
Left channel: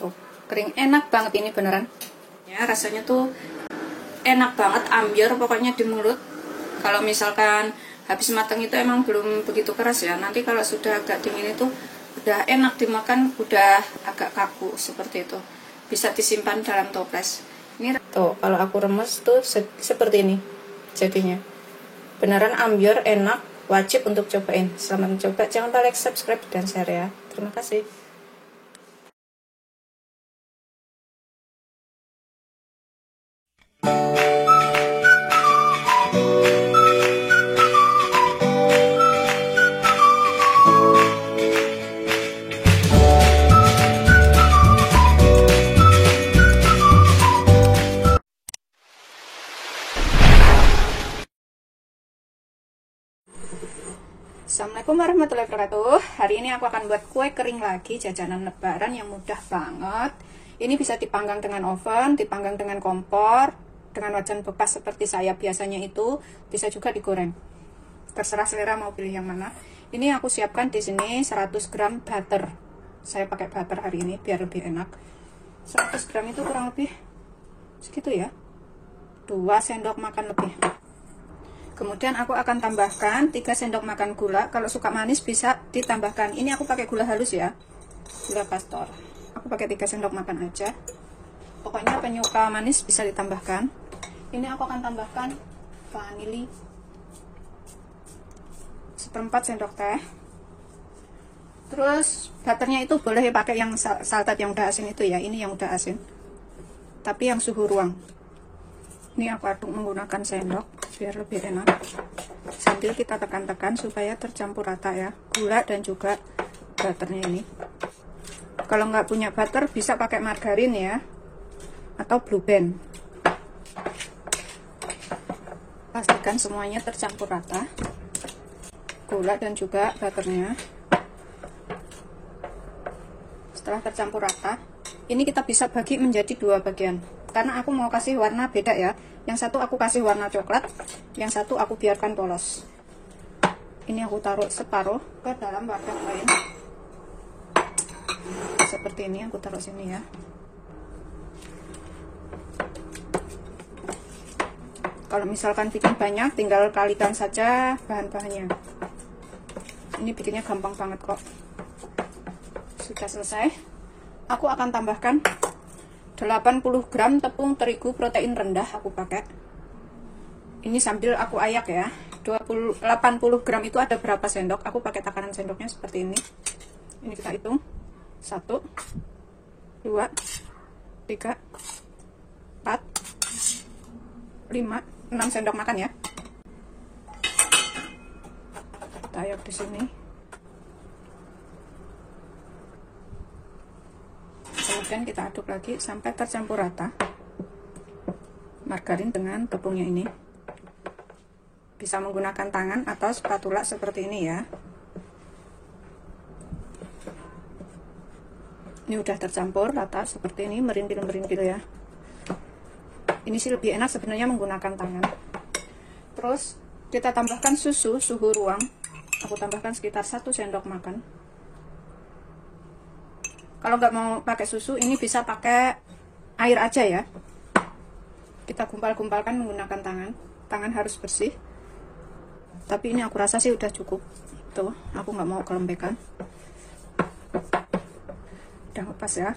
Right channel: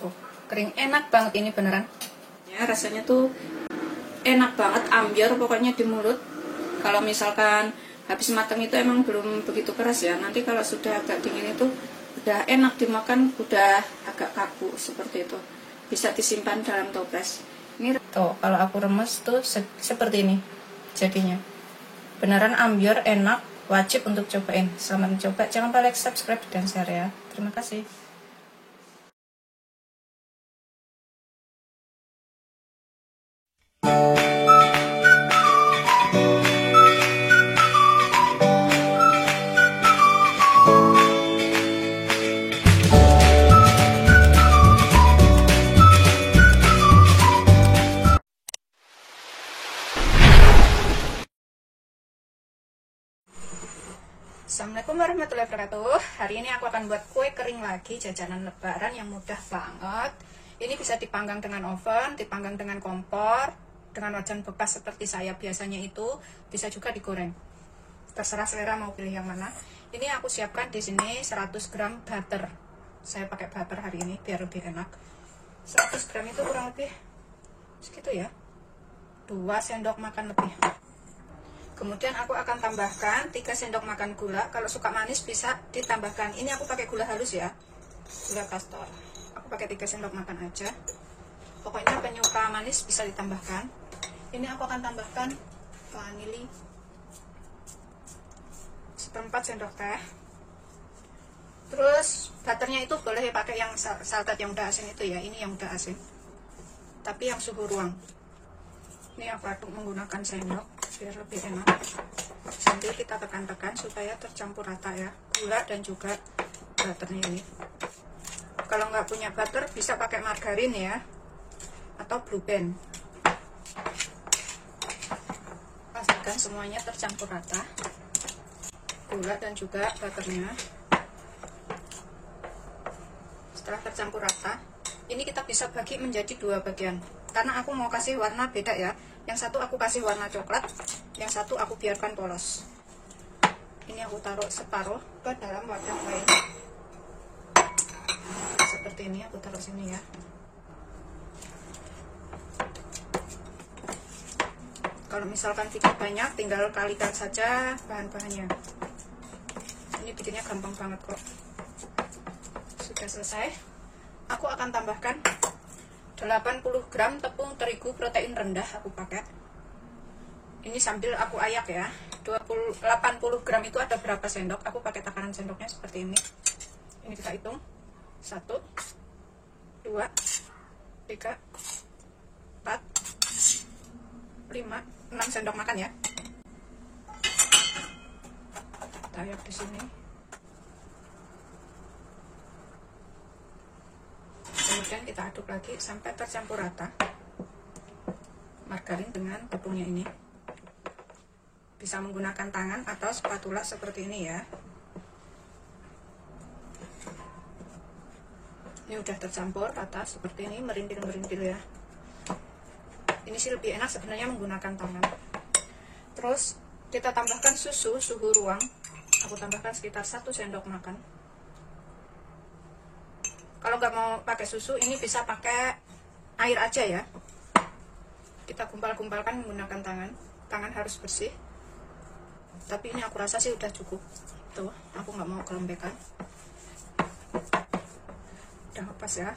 Tuh, kering, enak banget ini beneran. Ya, rasanya tuh enak banget, ambiar pokoknya di mulut. Kalau misalkan habis matang itu emang belum begitu keras ya. Nanti kalau sudah agak dingin itu udah enak dimakan, udah agak kaku seperti itu. Bisa disimpan dalam toples. Ini tuh, kalau aku remes tuh seperti ini jadinya. Beneran ambiar, enak, wajib untuk cobain. Selamat mencoba, jangan lupa like, subscribe, dan share ya. Terima kasih. Assalamualaikum warahmatullahi wabarakatuh. Hari ini aku akan buat kue kering lagi, jajanan lebaran yang mudah banget. Ini bisa dipanggang dengan oven, dipanggang dengan kompor, dengan wajan bekas seperti saya biasanya itu, bisa juga digoreng. Terserah selera mau pilih yang mana. Ini aku siapkan di sini 100 gram butter. Saya pakai butter hari ini biar lebih enak. 100 gram itu kurang lebih segitu ya, 2 sendok makan lebih. Kemudian aku akan tambahkan 3 sendok makan gula. Kalau suka manis bisa ditambahkan. Ini aku pakai gula halus ya, gula pastor. Aku pakai 3 sendok makan aja. Pokoknya penyuka manis bisa ditambahkan. Ini aku akan tambahkan vanili 1/4 sendok teh. Terus butternya itu boleh pakai yang salted yang udah asin itu ya. Ini yang udah asin, tapi yang suhu ruang. Ini aku aduk menggunakan sendok biar lebih enak. Sambil kita tekan-tekan supaya tercampur rata ya, gula dan juga butternya ini. Kalau nggak punya butter bisa pakai margarin ya, atau Blue Band. Pastikan semuanya tercampur rata, gula dan juga butternya. Setelah tercampur rata, ini kita bisa bagi menjadi 2 bagian. Karena aku mau kasih warna beda ya. Yang satu aku kasih warna coklat, yang satu aku biarkan polos. Ini aku taruh separuh ke dalam wadah lain. Seperti ini aku taruh sini ya. Kalau misalkan bikin banyak, tinggal kalikan saja bahan-bahannya. Ini bikinnya gampang banget kok. Sudah selesai. Aku akan tambahkan 80 gram tepung terigu protein rendah aku pakai. Ini sambil aku ayak ya. 80 gram itu ada berapa sendok? Aku pakai takaran sendoknya seperti ini. Ini kita hitung. 1 2 3 4 5 6 sendok makan ya. Kita ayak di sini. Kemudian kita aduk lagi sampai tercampur rata margarin dengan tepungnya ini. Bisa menggunakan tangan atau spatula seperti ini ya. Ini udah tercampur rata seperti ini, merintil-merintil ya. Ini sih lebih enak sebenarnya menggunakan tangan. Terus kita tambahkan susu ruang. Aku tambahkan sekitar 1 sendok makan. Kalau nggak mau pakai susu, ini bisa pakai air aja ya. Kita gumpal-gumpalkan menggunakan tangan. Tangan harus bersih. Tapi ini aku rasa sih udah cukup. Tuh, aku nggak mau kelembekan. Udah pas ya.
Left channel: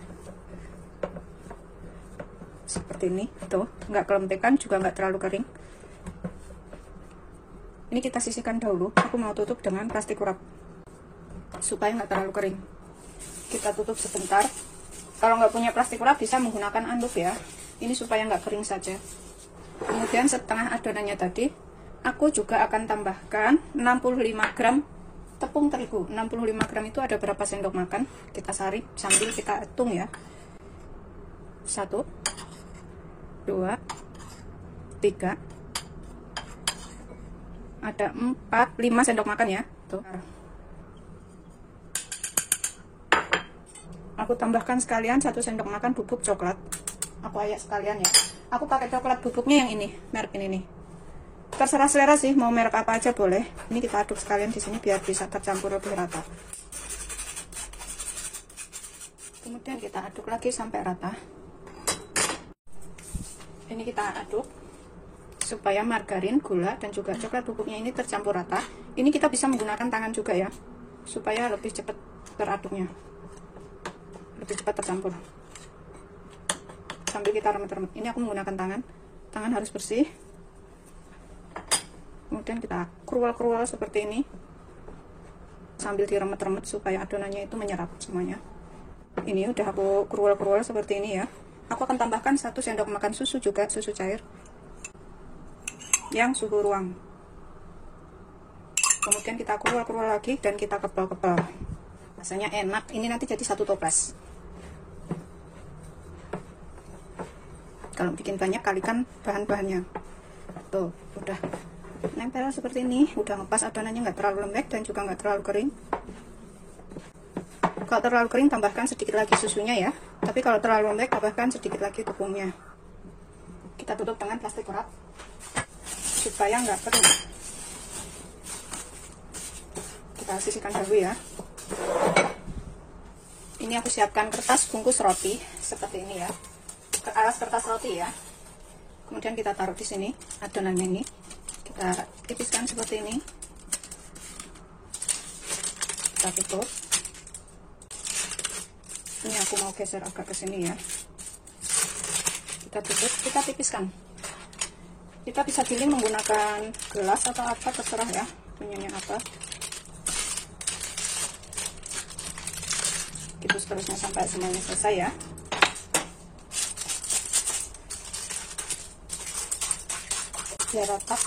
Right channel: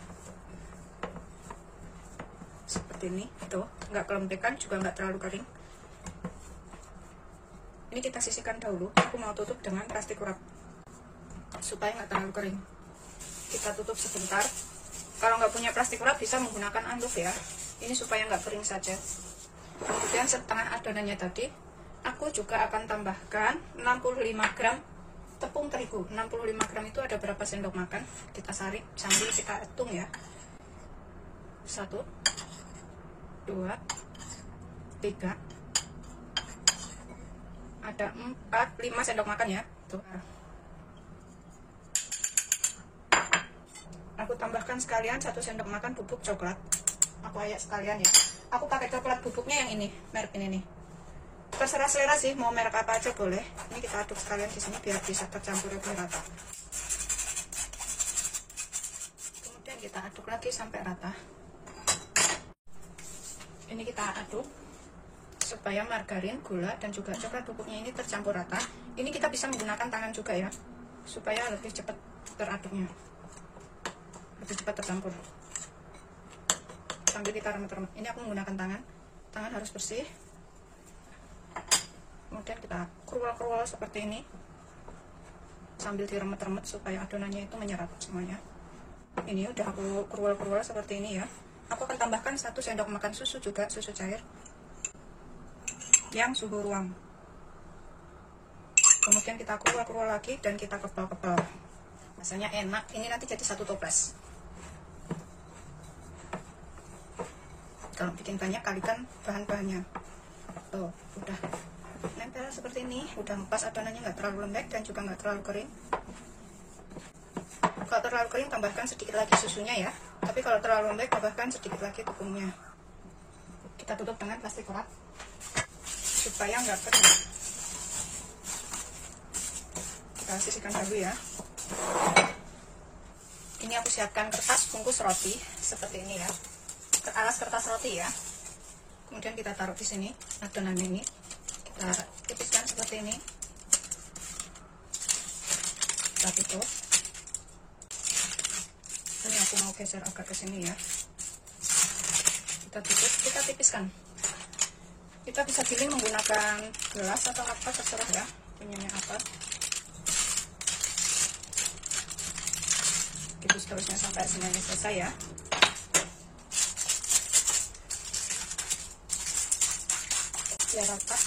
Seperti ini, tuh, nggak kelembekan juga nggak terlalu kering. Ini kita sisihkan dahulu. Aku mau tutup dengan plastik wrap supaya nggak terlalu kering. Kita tutup sebentar. Kalau nggak punya plastik wrap bisa menggunakan anduk ya. Ini supaya nggak kering saja. Kemudian setengah adonannya tadi aku juga akan tambahkan 65 gram tepung terigu. 65 gram itu ada berapa sendok makan? Kita saring sambil kita hitung ya. 1 2 3 ada 4 5 sendok makan ya. Tuh. Aku tambahkan sekalian 1 sendok makan bubuk coklat. Aku ayak sekalian ya. Aku pakai coklat bubuknya yang ini, merek ini nih. Terserah selera sih, mau merek apa aja boleh. Ini kita aduk sekalian di sini biar bisa tercampur lebih rata. Kemudian kita aduk lagi sampai rata. Ini kita aduk supaya margarin, gula, dan juga coklat bubuknya ini tercampur rata. Ini kita bisa menggunakan tangan juga ya, supaya lebih cepat teraduknya, lebih cepat tercampur. Sambil kita remet-remet. Ini aku menggunakan tangan. Tangan harus bersih. Kemudian kita krual-krual seperti ini, sambil diremet-remet supaya adonannya itu menyerap semuanya. Ini udah aku krual-krual seperti ini ya. Aku akan tambahkan 1 sendok makan susu juga, susu cair yang suhu ruang. Kemudian kita krual-krual lagi dan kita kepal-kepal. Rasanya enak. Ini nanti jadi 1 toples. Kalau bikin banyak, kalikan bahan-bahannya. Tuh, udah nempel seperti ini. Udah ngepas adonannya, nggak terlalu lembek dan juga nggak terlalu kering. Kalau terlalu kering, tambahkan sedikit lagi susunya ya. Tapi kalau terlalu lembek, tambahkan sedikit lagi tepungnya. Kita tutup dengan plastik wrap supaya nggak kering. Kita sisihkan dulu ya. Ini aku siapkan kertas bungkus roti seperti ini ya. Alas kertas roti ya. Kemudian kita taruh di sini adonannya ini. Kita tipiskan seperti ini. Kita tutup. Ini aku mau geser agak ke sini ya. Kita tutup, kita tipiskan. Kita bisa pilih menggunakan gelas atau apa, terserah ya punyanya apa. Itu seterusnya sampai semuanya selesai ya. Biar rata.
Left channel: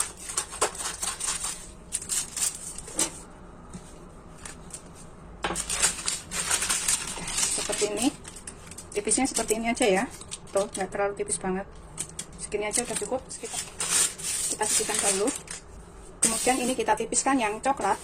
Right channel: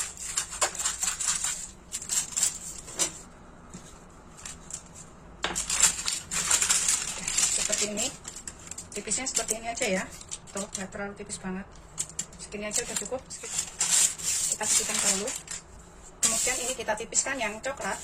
Seperti ini. Tipisnya seperti ini aja ya. Tuh, nggak terlalu tipis banget. Segini aja udah cukup. Kita sisihkan dulu. Kemudian ini kita tipiskan yang coklat.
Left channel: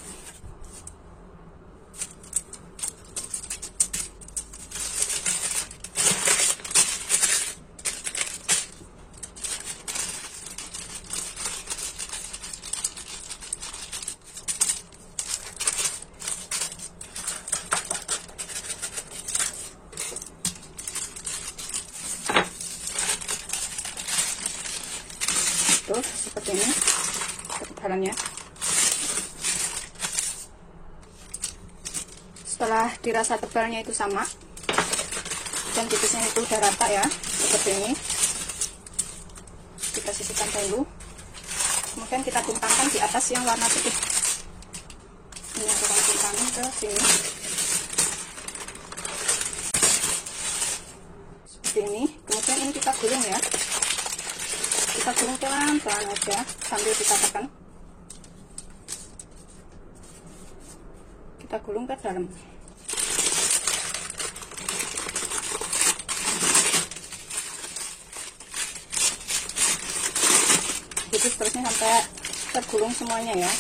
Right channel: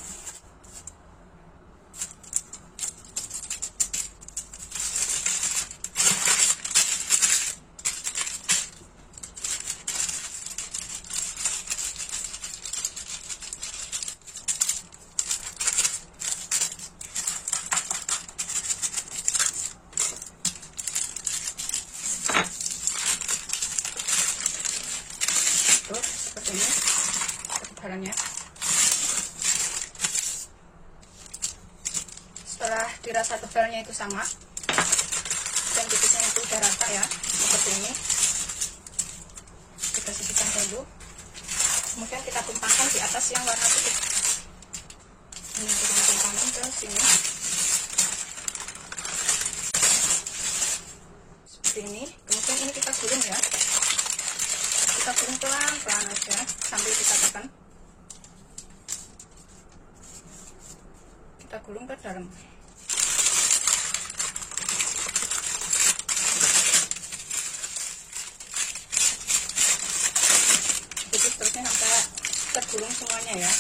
Tuh, seperti ini ketebalannya. Setelah dirasa tebalnya itu sama dan tipisnya itu udah rata ya, seperti ini. Kita sisihkan dulu, kemudian kita tumpahkan di atas yang warna putih. Ini kita tumpahkan ke sini seperti ini. Kemudian ini kita gulung ya, kita gulung pelan-pelan aja sambil kita tekan. Kita gulung ke dalam. Jadi seterusnya sampai tergulung semuanya ya.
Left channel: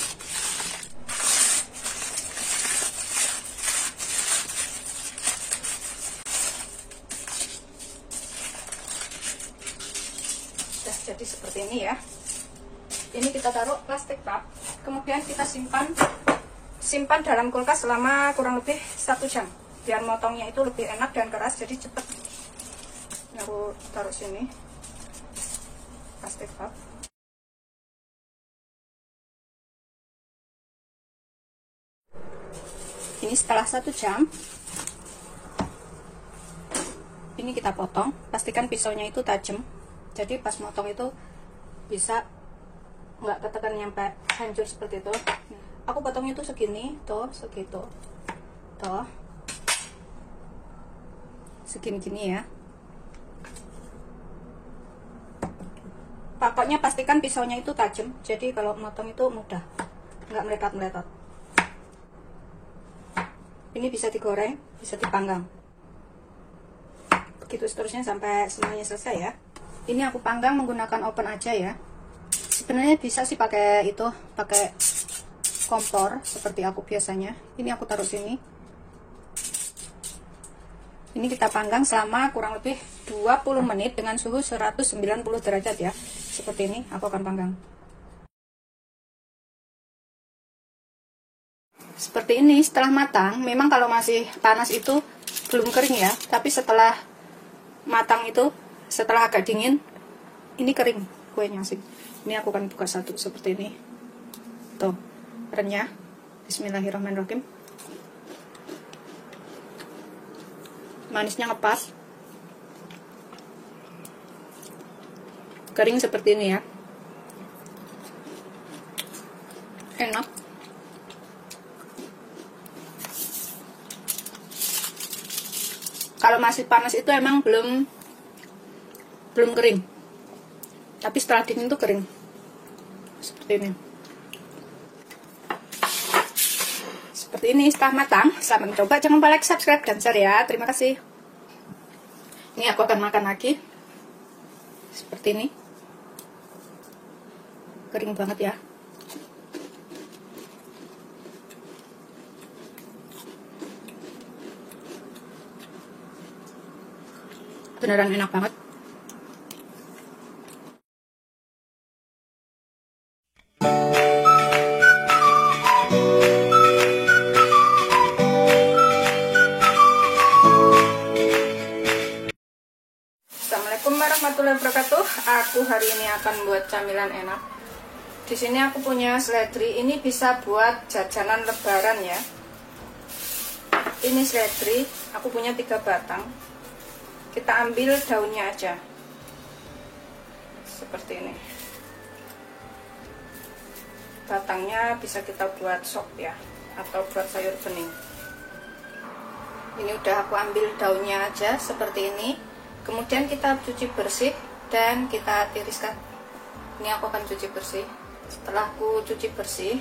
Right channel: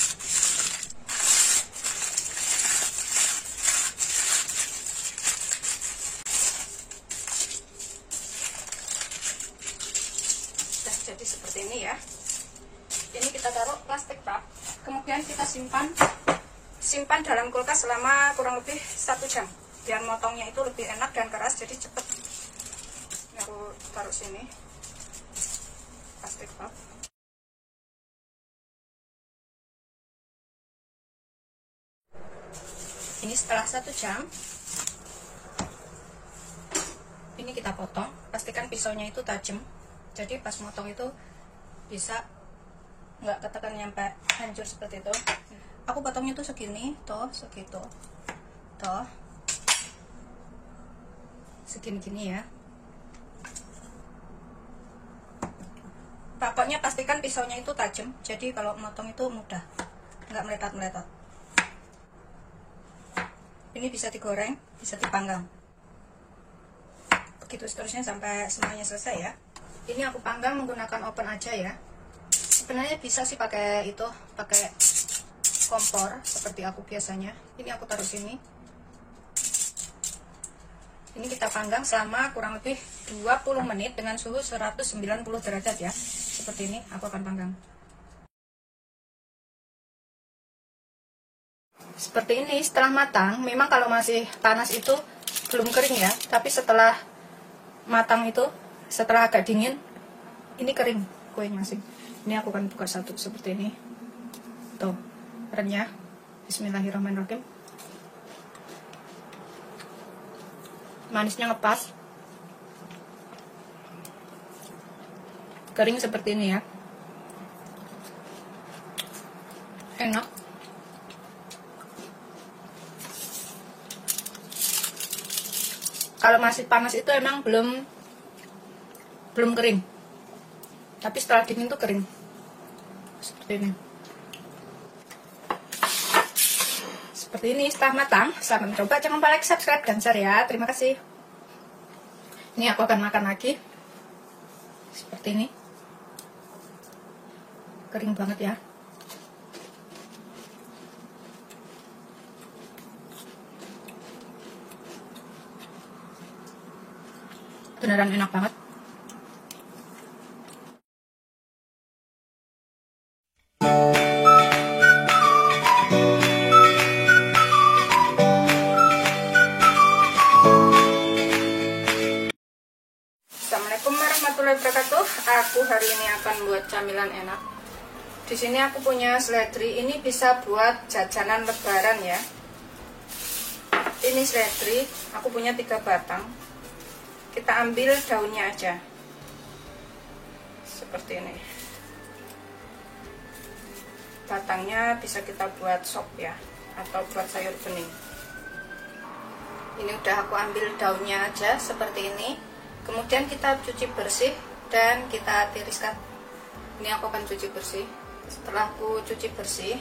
Jadi seperti ini ya. Ini kita taruh plastik wrap, kemudian kita simpan dalam kulkas selama kurang lebih 1 jam, biar motongnya itu lebih enak dan keras, jadi cepet. Aku taruh sini plastik wrap. Ini setelah 1 jam, ini kita potong. Pastikan pisaunya itu tajam, jadi pas motong itu bisa nggak ketekan nyampe hancur seperti itu. Aku potongnya tuh segini, tuh segitu, tuh segini-gini ya. Pokoknya pastikan pisaunya itu tajam, jadi kalau motong itu mudah, nggak meletot-meletot. Ini bisa digoreng, bisa dipanggang. Begitu seterusnya sampai semuanya selesai ya. Ini aku panggang menggunakan oven aja ya. Sebenarnya bisa sih pakai itu, pakai kompor seperti aku biasanya. Ini aku taruh sini. Ini kita panggang selama kurang lebih 20 menit dengan suhu 190 derajat ya. Seperti ini aku akan panggang. Seperti ini setelah matang. Memang kalau masih panas itu belum kering ya, tapi setelah matang itu, setelah agak dingin, ini kering kuenya sih. Ini aku akan buka satu seperti ini. Tuh, renyah. Bismillahirrahmanirrahim. Manisnya ngepas. Kering seperti ini ya. Enak. Kalau masih panas itu emang belum kering, tapi setelah dingin itu kering seperti ini. Seperti ini setelah matang. Selamat mencoba, jangan lupa like, subscribe, dan share ya. Terima kasih. Ini aku akan makan lagi seperti ini. Kering banget ya. Beneran enak banget. Assalamualaikum warahmatullahi wabarakatuh. Aku hari ini akan buat camilan enak. Di sini aku punya seledri. Ini bisa buat jajanan lebaran ya. Ini seledri, aku punya 3 batang. Kita ambil daunnya aja seperti ini. Batangnya bisa kita buat sop ya, atau buat sayur bening. Ini udah aku ambil daunnya aja seperti ini. Kemudian kita cuci bersih dan kita tiriskan. Ini aku akan cuci bersih. Setelah aku cuci bersih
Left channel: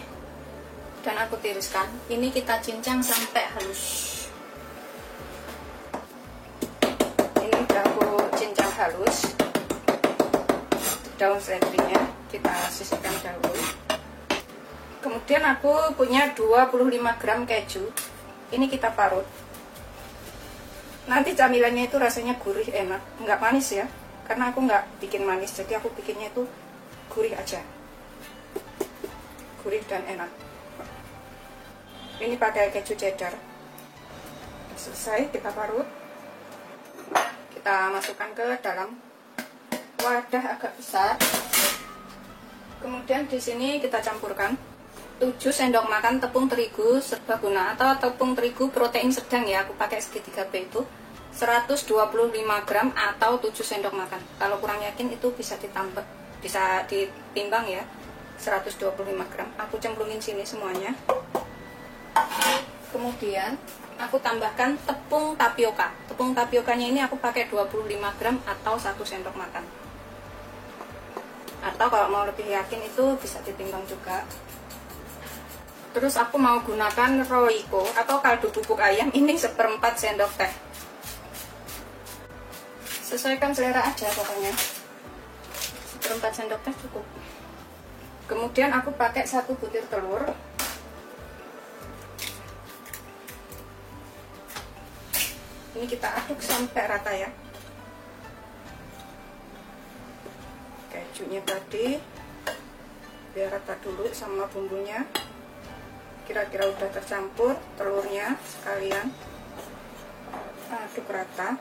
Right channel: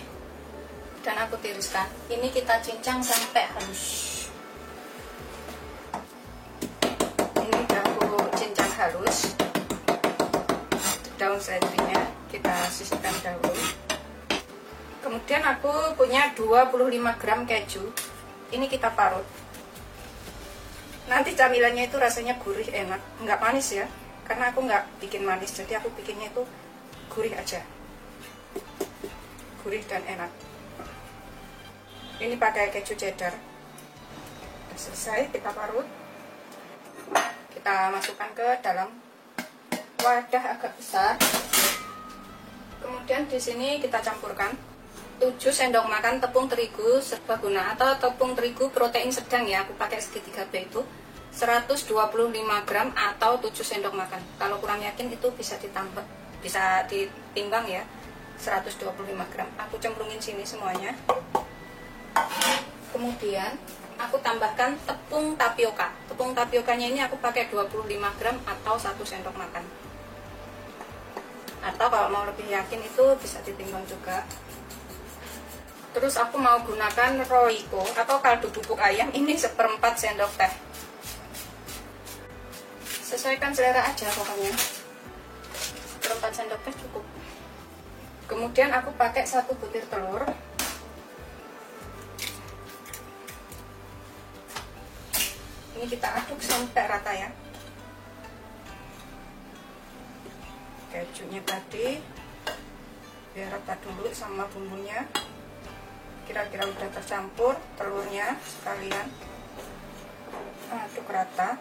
dan aku tiriskan, ini kita cincang sampai halus. Halus. Daun seledrinya kita sisihkan dahulu. Kemudian aku punya 25 gram keju. Ini kita parut. Nanti camilannya itu rasanya gurih, enak, nggak manis ya, karena aku nggak bikin manis, jadi aku bikinnya itu gurih aja, gurih dan enak. Ini pakai keju cheddar. Selesai, kita parut. Kita masukkan ke dalam wadah agak besar. Kemudian di sini kita campurkan 7 sendok makan tepung terigu serbaguna atau tepung terigu protein sedang ya. Aku pakai segitiga B itu. 125 gram atau 7 sendok makan. Kalau kurang yakin itu bisa ditambah, bisa ditimbang ya. 125 gram. Aku cemplungin sini semuanya. Kemudian aku tambahkan tepung tapioka. Tepung tapiokanya ini aku pakai 25 gram atau 1 sendok makan. Atau kalau mau lebih yakin itu bisa ditimbang juga. Terus aku mau gunakan Royco atau kaldu bubuk ayam, ini 1/4 sendok teh. Sesuaikan selera aja pokoknya. 1/4 sendok teh cukup. Kemudian aku pakai 1 butir telur. Ini kita aduk sampai rata ya. Kejunya tadi biar rata dulu sama bumbunya. Kira-kira udah tercampur, telurnya sekalian aduk rata.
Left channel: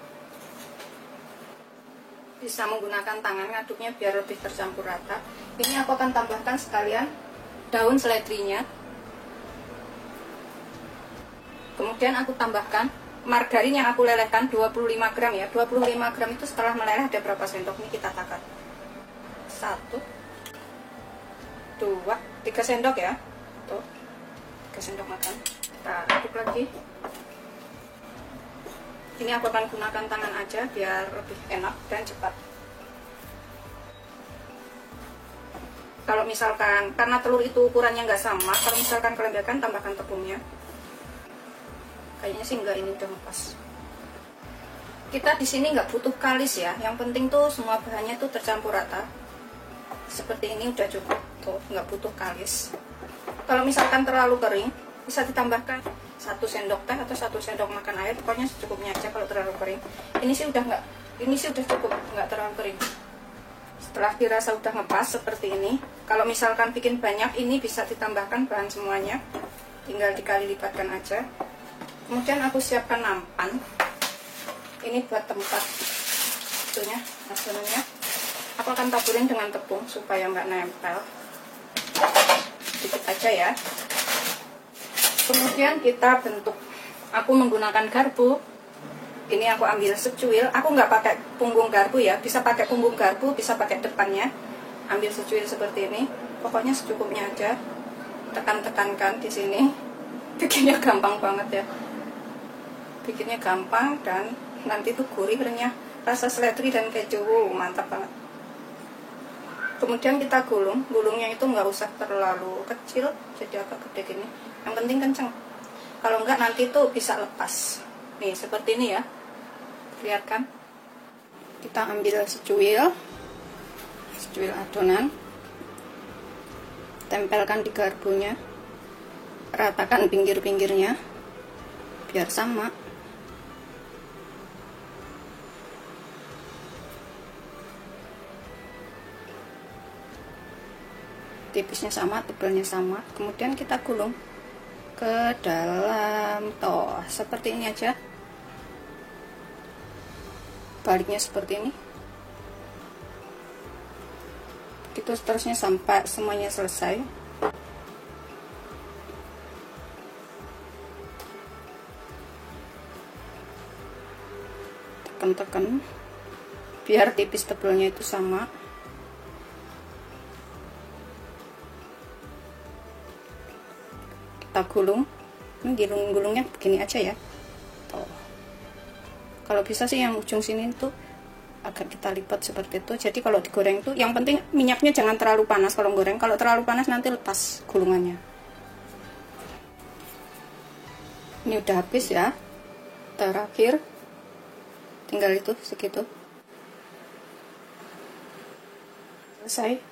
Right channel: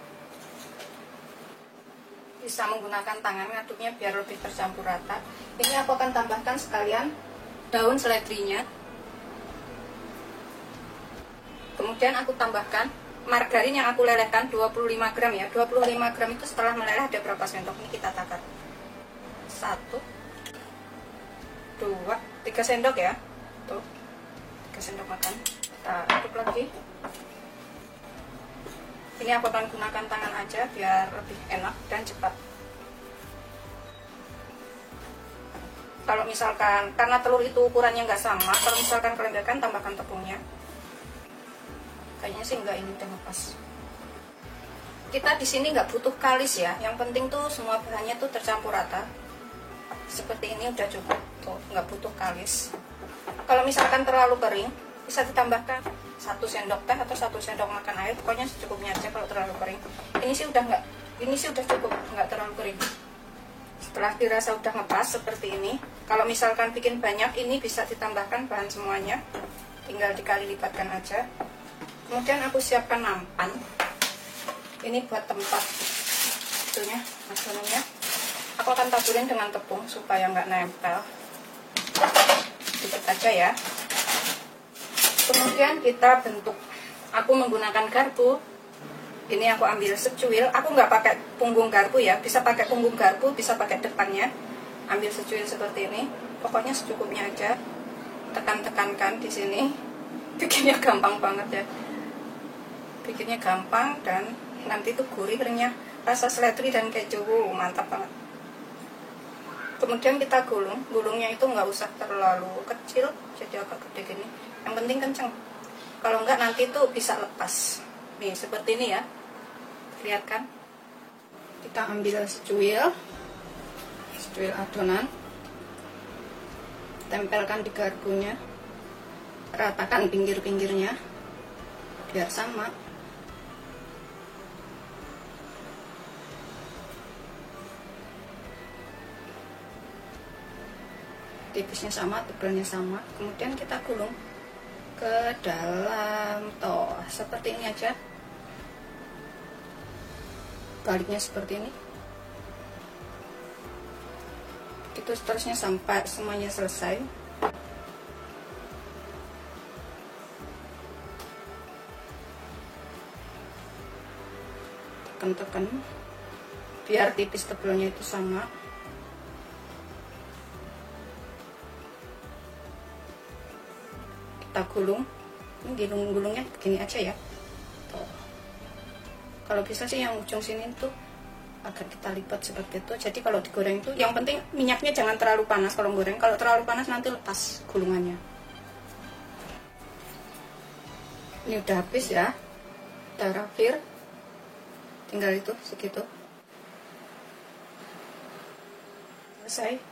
Bisa menggunakan tangan ngaduknya biar lebih tercampur rata. Ini aku akan tambahkan sekalian daun seledrinya. Kemudian aku tambahkan margarin yang aku lelehkan 25 gram ya. 25 gram itu setelah meleleh ada berapa sendok, ini kita takar. 1 2 3 sendok ya. Tuh, 3 sendok makan. Kita aduk lagi. Ini aku akan gunakan tangan aja biar lebih enak dan cepat. Kalau misalkan, karena telur itu ukurannya nggak sama, kalau misalkan kelembagaan tambahkan tepungnya. Kayaknya sih enggak, ini udah lepas. Kita di sini nggak butuh kalis ya, yang penting tuh semua bahannya tuh tercampur rata. Seperti ini udah cukup, tuh nggak butuh kalis. Kalau misalkan terlalu kering, bisa ditambahkan 1 sendok teh atau 1 sendok makan air, pokoknya secukupnya aja kalau terlalu kering. Ini sih udah nggak, ini sih udah cukup, nggak terlalu kering. Setelah dirasa udah ngepas seperti ini, kalau misalkan bikin banyak, ini bisa ditambahkan bahan semuanya, tinggal dikali lipatkan aja. Kemudian aku siapkan nampan, ini buat tempat itunya, adonannya. Aku akan taburin dengan tepung supaya nggak nempel, sedikit aja ya. Kemudian kita bentuk. Aku menggunakan garpu. Ini aku ambil secuil. Aku nggak pakai punggung garpu ya. Bisa pakai punggung garpu, bisa pakai depannya. Ambil secuil seperti ini. Pokoknya secukupnya aja. Tekan-tekankan di sini. Bikinnya gampang banget ya. Bikinnya gampang dan nanti tuh gurih, renyah. Rasa seledri dan keju, mantap banget. Kemudian kita gulung. Gulungnya itu nggak usah terlalu kecil, jadi agak gede gini. Yang penting kenceng. Kalau enggak nanti tuh bisa lepas. Nih seperti ini ya. Lihat kan? Kita ambil secuil adonan. Tempelkan di garpunya. Ratakan pinggir-pinggirnya biar sama. Tipisnya sama, tebalnya sama. Kemudian kita gulung ke dalam toh seperti ini aja. Baliknya seperti ini. Itu seterusnya sampai semuanya selesai. Tekan-tekan biar tipis tebalnya itu sama. Kita gulung. Ini gulung-gulungnya begini aja ya. Tuh. Kalau bisa sih yang ujung sini tuh agak kita lipat seperti itu. Jadi kalau digoreng tuh yang penting minyaknya jangan terlalu panas kalau goreng. Kalau terlalu panas nanti lepas gulungannya. Ini udah habis ya. Terakhir tinggal itu segitu. Selesai.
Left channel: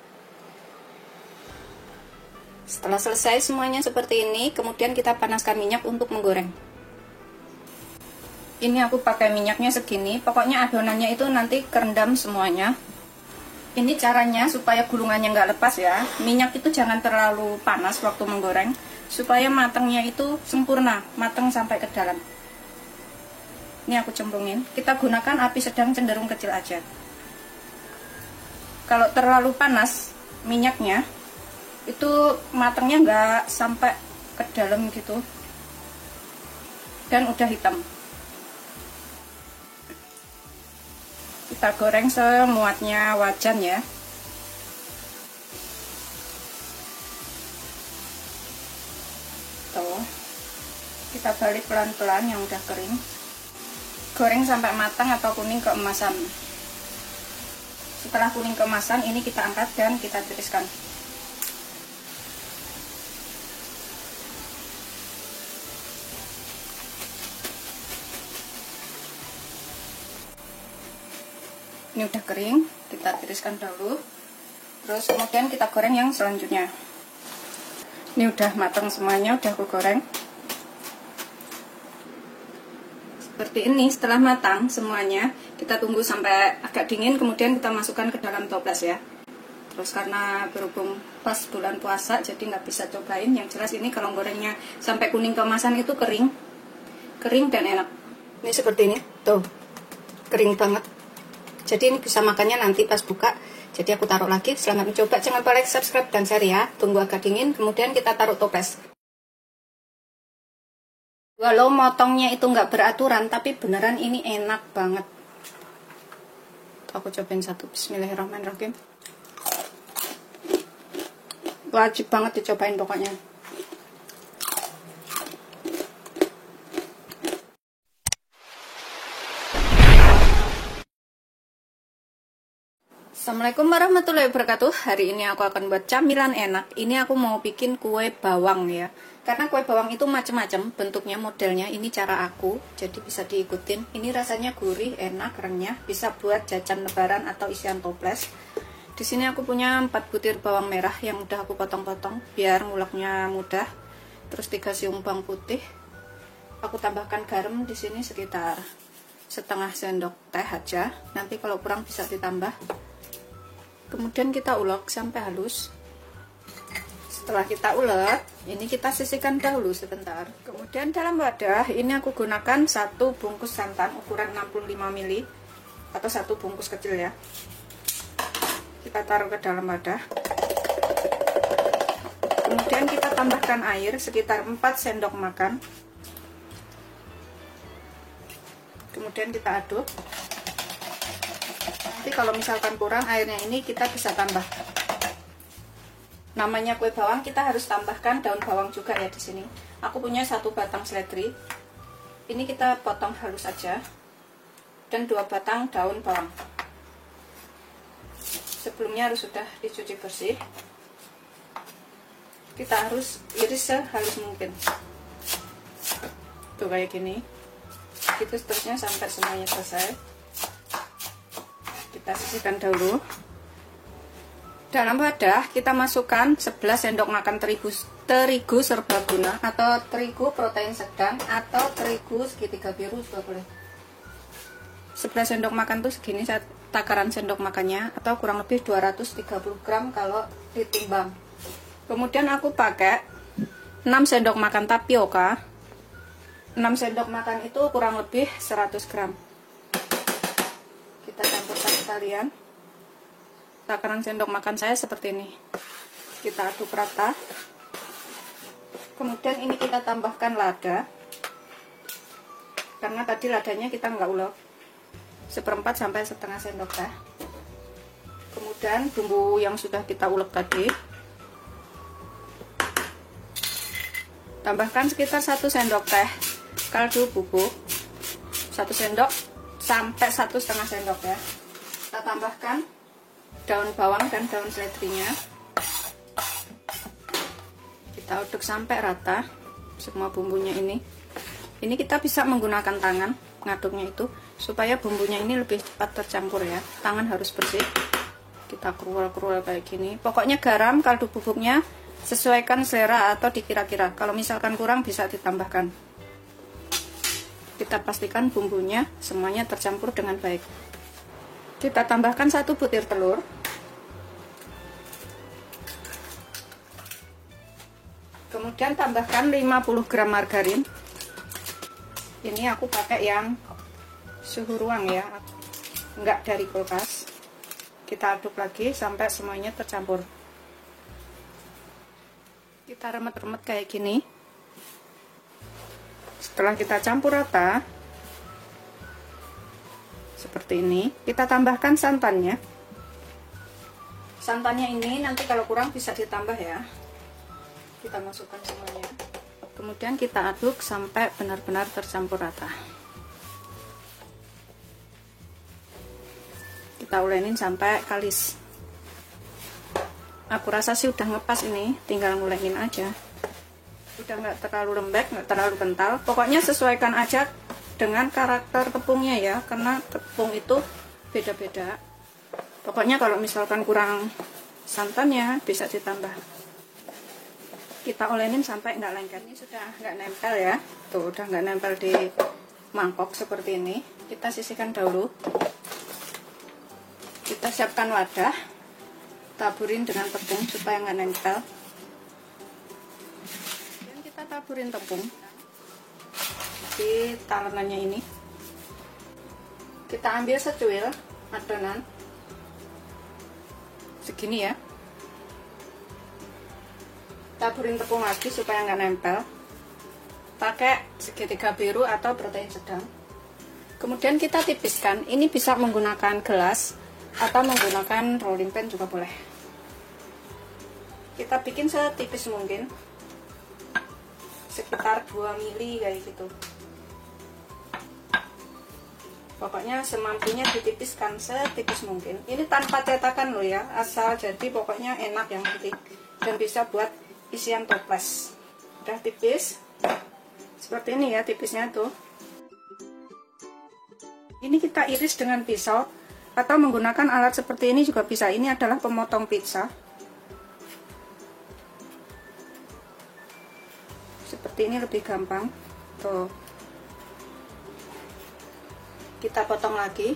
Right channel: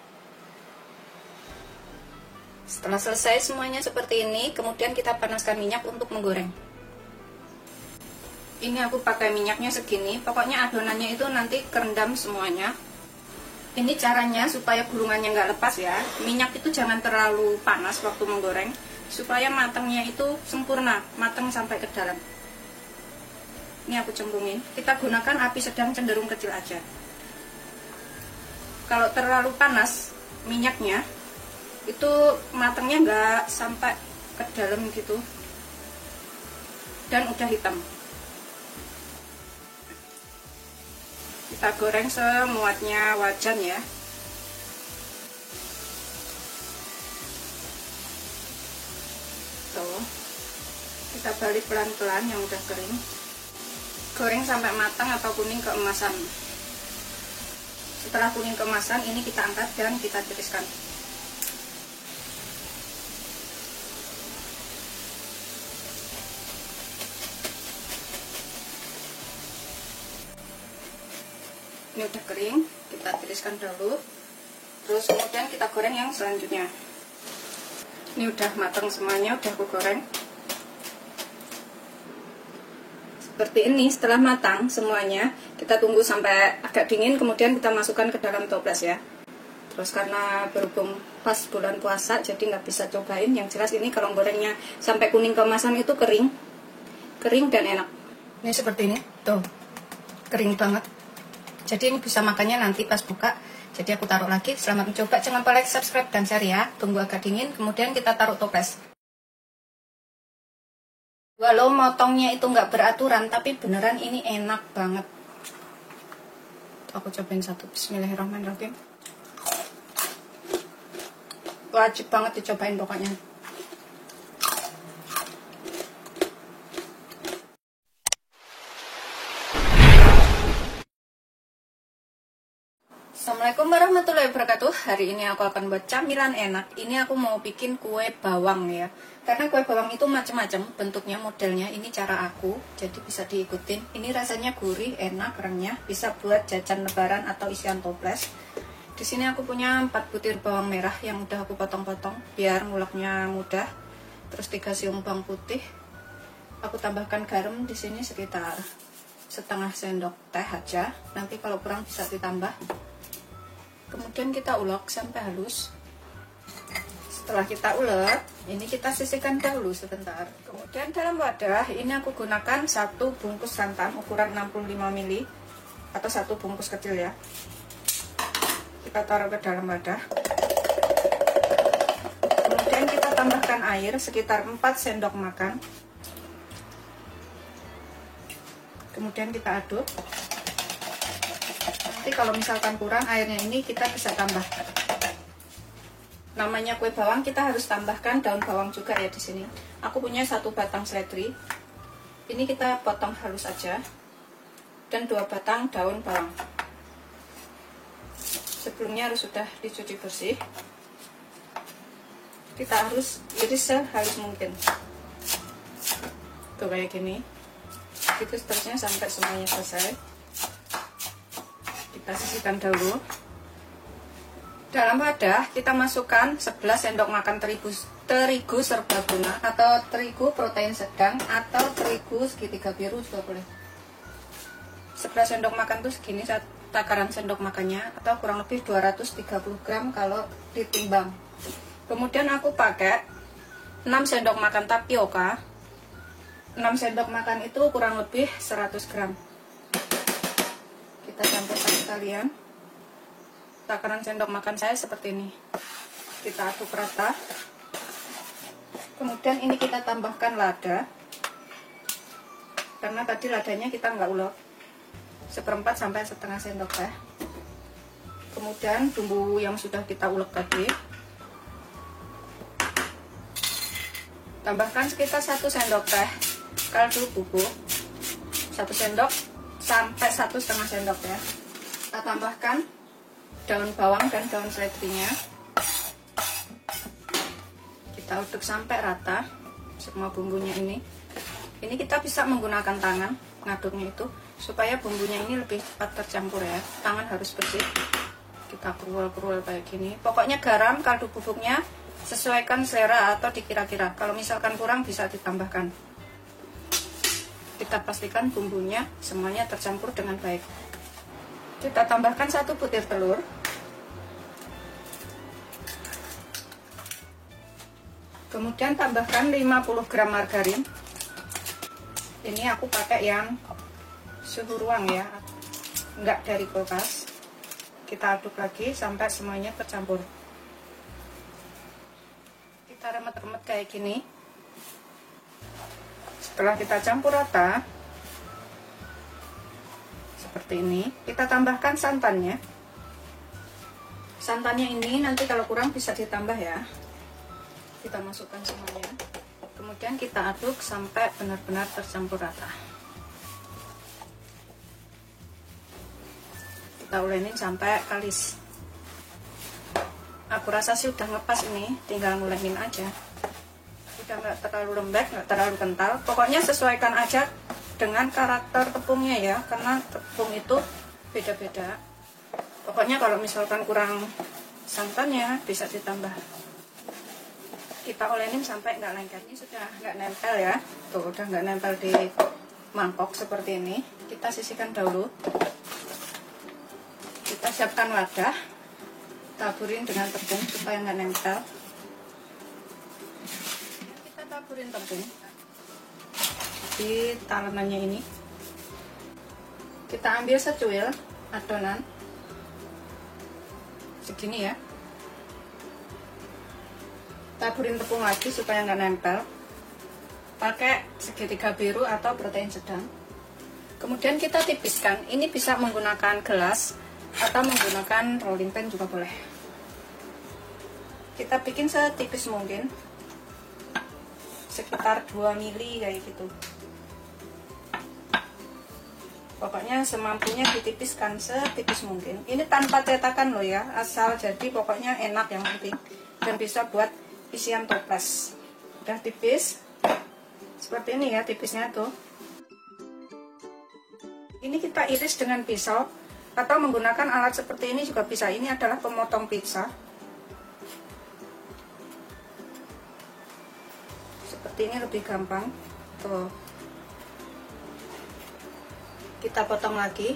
Setelah selesai semuanya seperti ini, kemudian kita panaskan minyak untuk menggoreng. Ini aku pakai minyaknya segini, pokoknya adonannya itu nanti kerendam semuanya. Ini caranya supaya gulungannya nggak lepas ya. Minyak itu jangan terlalu panas waktu menggoreng, supaya matangnya itu sempurna, matang sampai ke dalam. Ini aku cemplungin. Kita gunakan api sedang cenderung kecil aja. Kalau terlalu panas minyaknya, itu matangnya nggak sampai ke dalam gitu dan udah hitam. Kita goreng semuanya wajan ya. Tuh, kita balik pelan-pelan yang udah kering. Goreng sampai matang atau kuning keemasan. Setelah kuning keemasan, ini kita angkat dan kita tiriskan. Ini udah kering, kita tiriskan dulu. Terus kemudian kita goreng yang selanjutnya. Ini udah matang semuanya, udah aku goreng. Seperti ini. Setelah matang semuanya, kita tunggu sampai agak dingin, kemudian kita masukkan ke dalam toples ya. Terus karena berhubung pas bulan puasa, jadi nggak bisa cobain. Yang jelas ini kalau gorengnya sampai kuning keemasan itu kering dan enak. Ini seperti ini, tuh kering banget. Jadi ini bisa makannya nanti pas buka. Jadi aku taruh lagi. Selamat mencoba. Jangan lupa like, subscribe, dan share ya. Tunggu agak dingin, kemudian kita taruh toples. Walau motongnya itu nggak beraturan, tapi beneran ini enak banget. Aku cobain satu. Bismillahirrahmanirrahim. Wajib banget dicobain pokoknya. Assalamualaikum warahmatullahi wabarakatuh. Hari ini aku akan buat camilan enak. Ini aku mau bikin kue bawang ya. Karena kue bawang itu macam-macam bentuknya, modelnya. Ini cara aku, jadi bisa diikutin. Ini rasanya gurih, enak, renyah. Bisa buat jajan lebaran atau isian toples. Di sini aku punya 4 butir bawang merah yang udah aku potong-potong biar nguleknya mudah. Terus 3 siung bawang putih. Aku tambahkan garam di sini sekitar setengah sendok teh aja. Nanti kalau kurang bisa ditambah. Kemudian kita ulek sampai halus. Setelah kita ulek, ini kita sisihkan dahulu sebentar. Kemudian dalam wadah ini aku gunakan 1 bungkus santan ukuran 65 ml atau 1 bungkus kecil ya. Kita taruh ke dalam wadah. Kemudian kita tambahkan air sekitar 4 sendok makan. Kemudian kita aduk. Nanti kalau misalkan kurang airnya ini kita bisa tambah. Namanya kue bawang, kita harus tambahkan daun bawang juga ya di sini. Aku punya 1 batang seledri. Ini kita potong halus saja. Dan 2 batang daun bawang. Sebelumnya harus sudah dicuci bersih. Kita harus iris sehalus mungkin. Tuh kayak gini. Itu seterusnya sampai semuanya selesai. Kita sisihkan dahulu. Dalam wadah kita masukkan 11 sendok makan terigu serbaguna atau terigu protein sedang atau terigu segitiga biru juga boleh. 11 sendok makan tuh segini takaran sendok makannya, atau kurang lebih 230 gram kalau ditimbang. Kemudian aku pakai 6 sendok makan tapioka. 6 sendok makan itu kurang lebih 100 gram. Kita campurkan sekalian. Takaran sendok makan saya seperti ini. Kita aduk rata. Kemudian ini kita tambahkan lada. Karena tadi ladanya kita nggak ulek. 1/4 sampai setengah sendok teh. Kemudian bumbu yang sudah kita ulek tadi. Tambahkan sekitar 1 sendok teh kaldu bubuk. 1 sendok sampai 1,5 sendok ya. Kita tambahkan daun bawang dan daun seledrinya. Kita aduk sampai rata semua bumbunya ini. Ini kita bisa menggunakan tangan ngaduknya itu supaya bumbunya ini lebih cepat tercampur ya. Tangan harus bersih. Kita kerul-kerul kayak gini. Pokoknya garam, kaldu bubuknya sesuaikan selera atau dikira-kira. Kalau misalkan kurang bisa ditambahkan. Kita pastikan bumbunya semuanya tercampur dengan baik. Kita tambahkan 1 butir telur. Kemudian tambahkan 50 gram margarin. Ini aku pakai yang suhu ruang ya, enggak dari kulkas. Kita aduk lagi sampai semuanya tercampur. Kita remet-remet kayak gini. Setelah kita campur rata seperti ini. Kita tambahkan santannya. Santannya ini nanti kalau kurang bisa ditambah ya. Kita masukkan semuanya. Kemudian kita aduk sampai benar-benar tercampur rata. Kita ulenin sampai kalis. Aku rasa sih udah ngepas ini, tinggal ngulenin aja. Udah nggak terlalu lembek, nggak terlalu kental. Pokoknya sesuaikan aja dengan karakter tepungnya ya, karena tepung itu beda-beda. Pokoknya kalau misalkan kurang santannya bisa ditambah. Kita olenin sampai nggak lengket. Ini sudah nggak nempel ya, tuh udah nggak nempel di mangkok seperti ini. Kita sisihkan dahulu. Kita siapkan wadah, taburin dengan tepung supaya nggak nempel. Taburin tepung di tangannya ini. Kita ambil secuil adonan segini ya. Taburin tepung lagi supaya nggak nempel. Pakai segitiga biru atau protein sedang. Kemudian kita tipiskan. Ini bisa menggunakan gelas atau menggunakan rolling pin juga boleh. Kita bikin setipis mungkin, sekitar 2 mili kayak gitu. Pokoknya semampunya ditipiskan setipis mungkin. Ini tanpa cetakan loh ya, asal jadi pokoknya enak yang penting. Dan bisa buat isian toples. Udah tipis seperti ini ya, tipisnya tuh. Ini kita iris dengan pisau atau menggunakan alat seperti ini juga bisa. Ini adalah pemotong pizza. Seperti ini lebih gampang. Tuh. Kita potong lagi.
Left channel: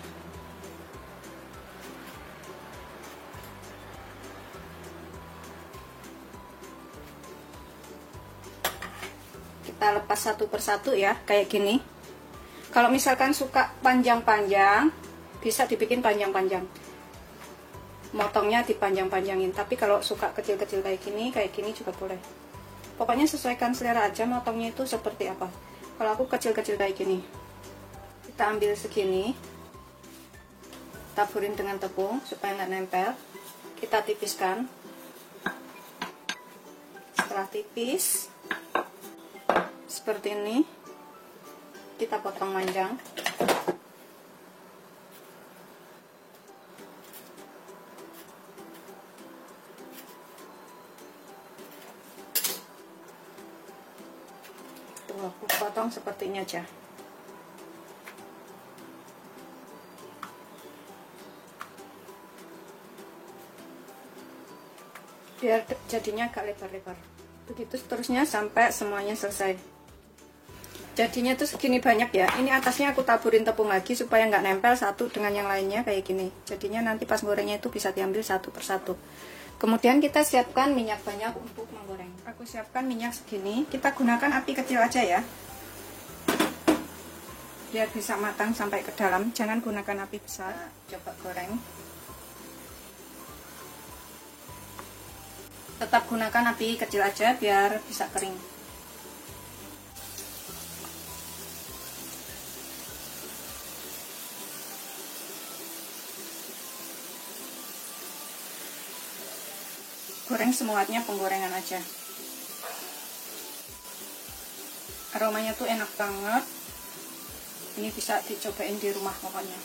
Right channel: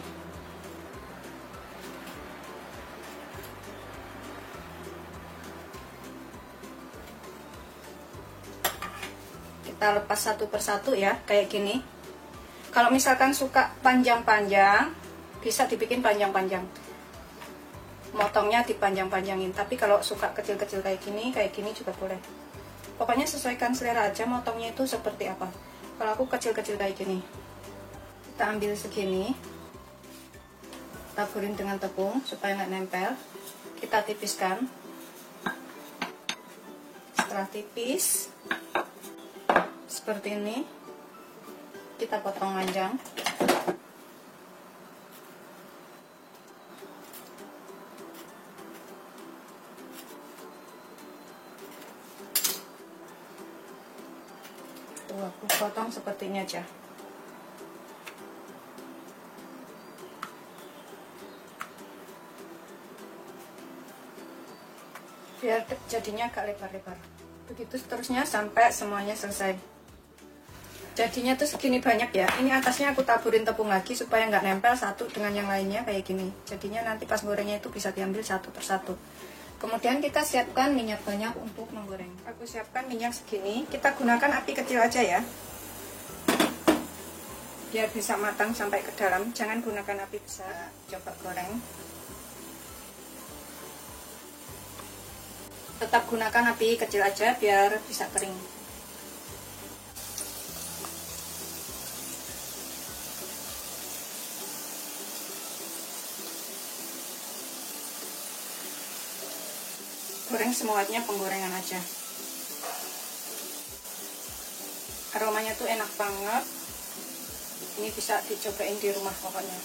Kita lepas satu persatu ya, kayak gini. Kalau misalkan suka panjang-panjang, bisa dibikin panjang-panjang. Motongnya dipanjang-panjangin. Tapi kalau suka kecil-kecil kayak gini juga boleh. Pokoknya sesuaikan selera aja motongnya itu seperti apa. Kalau aku kecil-kecil kayak gini. Kita ambil segini. Taburin dengan tepung supaya nggak nempel. Kita tipiskan. Setelah tipis seperti ini, kita potong panjang. Aku potong seperti ini aja. Biar jadinya agak lebar-lebar. Begitu seterusnya sampai semuanya selesai. Jadinya tuh segini banyak ya. Ini atasnya aku taburin tepung lagi supaya nggak nempel satu dengan yang lainnya kayak gini. Jadinya nanti pas gorengnya itu bisa diambil satu persatu. Kemudian kita siapkan minyak banyak untuk menggoreng. Aku siapkan minyak segini. Kita gunakan api kecil aja ya, biar bisa matang sampai ke dalam. Jangan gunakan api besar. Coba goreng. Tetap gunakan api kecil aja biar bisa kering. Goreng semuanya penggorengan aja. Aromanya tuh enak banget. Ini bisa dicobain di rumah pokoknya.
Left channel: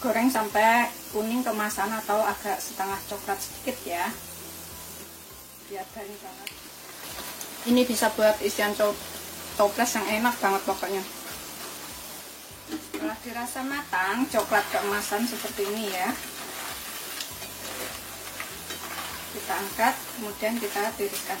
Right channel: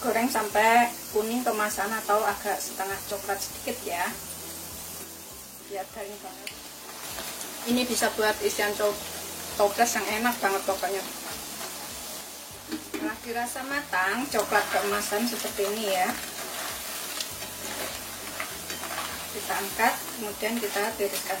Goreng sampai kuning kemasan atau agak setengah coklat sedikit ya. Biar garing banget. Ini bisa buat isian toples yang enak banget pokoknya. Setelah dirasa matang, coklat keemasan seperti ini ya. Kita angkat, kemudian kita tiriskan.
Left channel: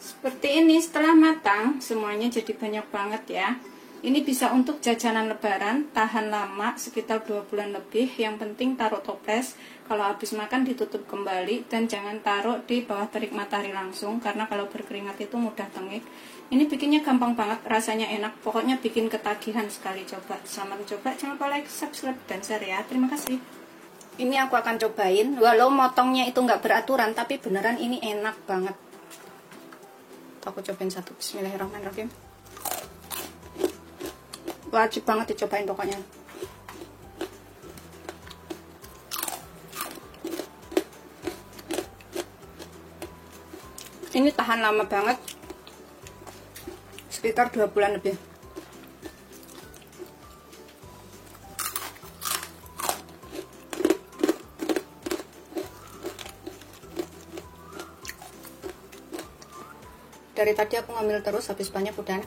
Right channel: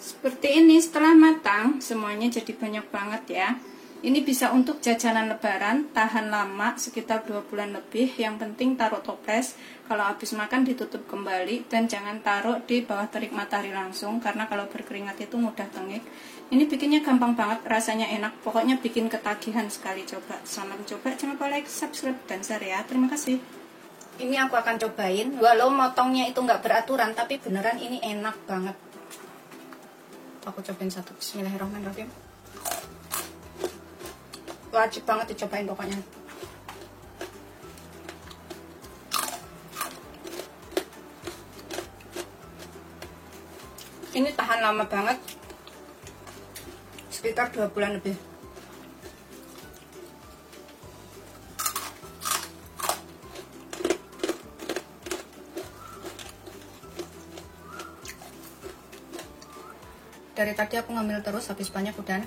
Seperti ini setelah matang, semuanya jadi banyak banget ya. Ini bisa untuk jajanan lebaran, tahan lama sekitar 2 bulan lebih. Yang penting taruh toples, kalau habis makan ditutup kembali, dan jangan taruh di bawah terik matahari langsung, karena kalau berkeringat itu mudah tengik. Ini bikinnya gampang banget, rasanya enak, pokoknya bikin ketagihan sekali. Coba, selamat coba, jangan lupa like, subscribe, dan share ya. Terima kasih. Ini aku akan cobain, walau motongnya itu nggak beraturan, tapi beneran ini enak banget. Aku cobain satu, bismillahirrahmanirrahim. Wajib banget dicobain pokoknya. Ini tahan lama banget, sekitar 2 bulan lebih. Dari tadi aku ngambil terus, habis banyak udah.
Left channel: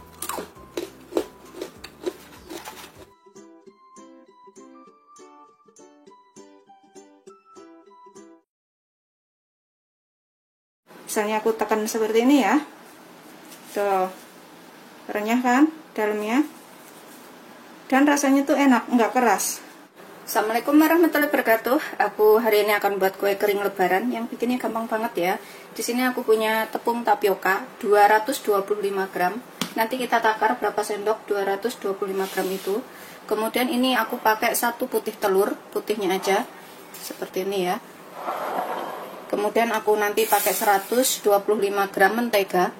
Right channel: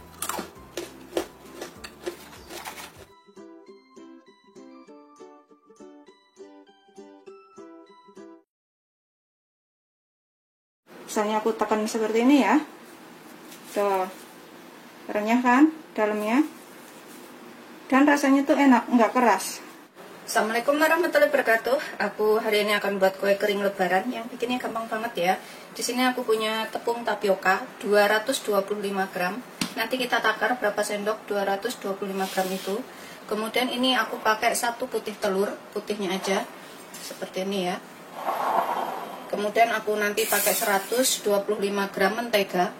Misalnya aku tekan seperti ini ya, tuh renyah kan dalamnya, dan rasanya tuh enak, nggak keras. Assalamualaikum warahmatullahi wabarakatuh. Aku hari ini akan buat kue kering lebaran yang bikinnya gampang banget ya. Di sini aku punya tepung tapioka 225 gram. Nanti kita takar berapa sendok 225 gram itu. Kemudian ini aku pakai 1 putih telur, putihnya aja seperti ini ya. Kemudian aku nanti pakai 125 gram mentega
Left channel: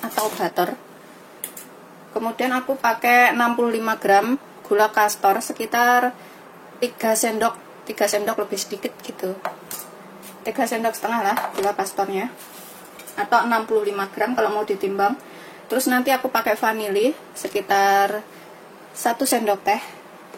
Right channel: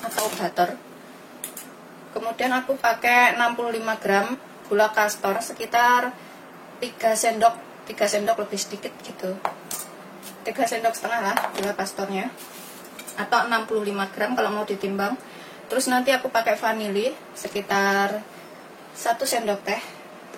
atau butter. Kemudian aku pakai 65 gram gula kastor, sekitar 3 sendok lebih sedikit gitu. 3 sendok setengah lah gula kastornya, atau 65 gram kalau mau ditimbang. Terus nanti aku pakai vanili sekitar 1 sendok teh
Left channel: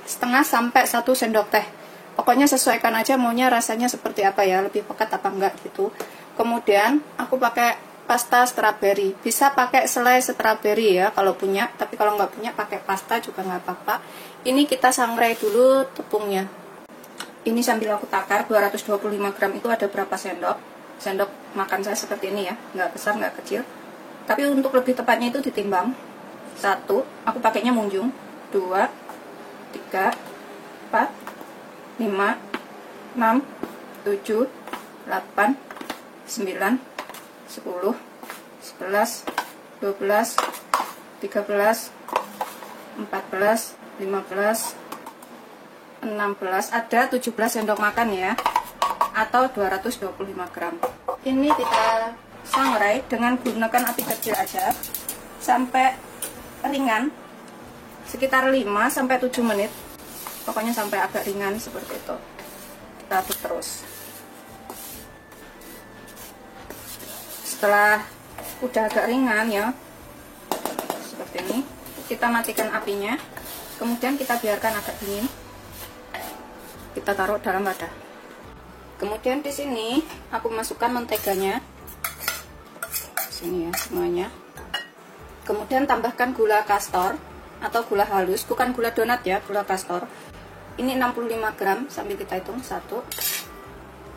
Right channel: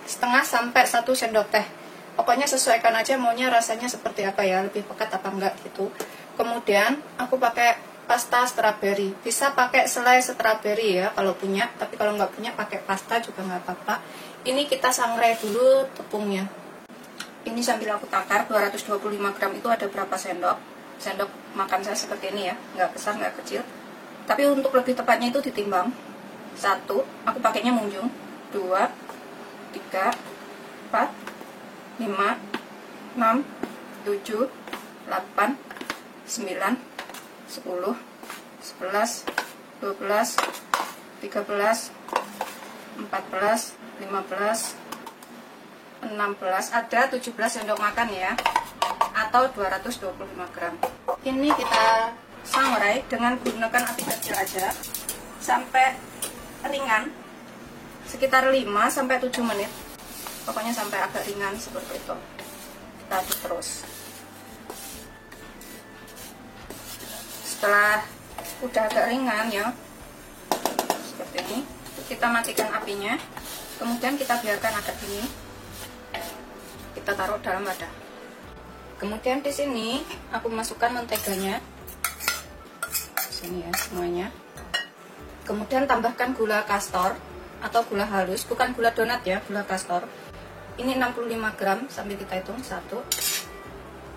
setengah sampai 1 sendok teh. Pokoknya sesuaikan aja maunya rasanya seperti apa ya, lebih pekat apa enggak gitu. Kemudian aku pakai pasta strawberry, bisa pakai selai strawberry ya kalau punya, tapi kalau nggak punya pakai pasta juga nggak apa-apa. Ini kita sangrai dulu tepungnya. Ini sambil aku takar 225 gram itu ada berapa sendok. Sendok makan saya seperti ini ya, nggak besar nggak kecil. Tapi untuk lebih tepatnya itu ditimbang. 1, aku pakainya munjung. 2, 3, 4, 5, 6, 7, 8, 9, 10, 11, 12, 13, 14, 15, 16, ada 17 sendok makan ya, atau 225 gram. Ini kita sangrai dengan gunakan api kecil aja sampai ringan, sekitar 5-7 menit. Pokoknya sampai agak ringan seperti itu. Kita aduk terus. Setelah udah agak ringan ya, seperti ini, kita matikan apinya. Kemudian kita biarkan agak dingin. Kita taruh dalam wadah. Kemudian di sini aku masukkan menteganya. Sini ya semuanya. Kemudian tambahkan gula kastor atau gula halus, bukan gula donat ya, gula kastor. Ini 65 gram, sambil kita hitung 1,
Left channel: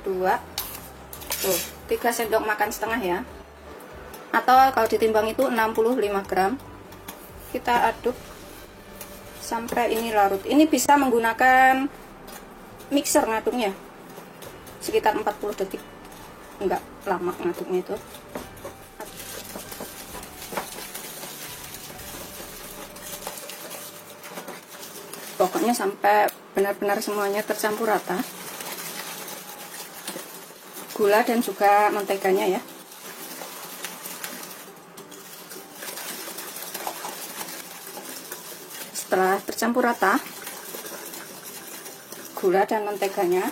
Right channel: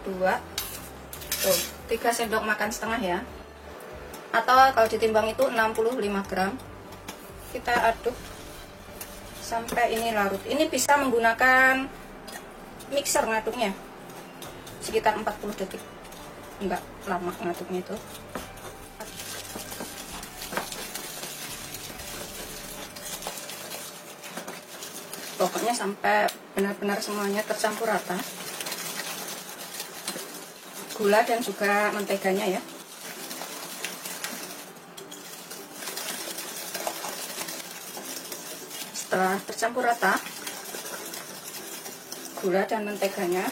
2, 3 sendok makan setengah ya, atau kalau ditimbang itu 65 gram. Kita aduk sampai ini larut. Ini bisa menggunakan mixer ngaduknya, sekitar 40 detik, enggak lama ngaduknya itu. Pokoknya sampai benar-benar semuanya tercampur rata, gula dan juga menteganya ya. Setelah tercampur rata gula dan menteganya,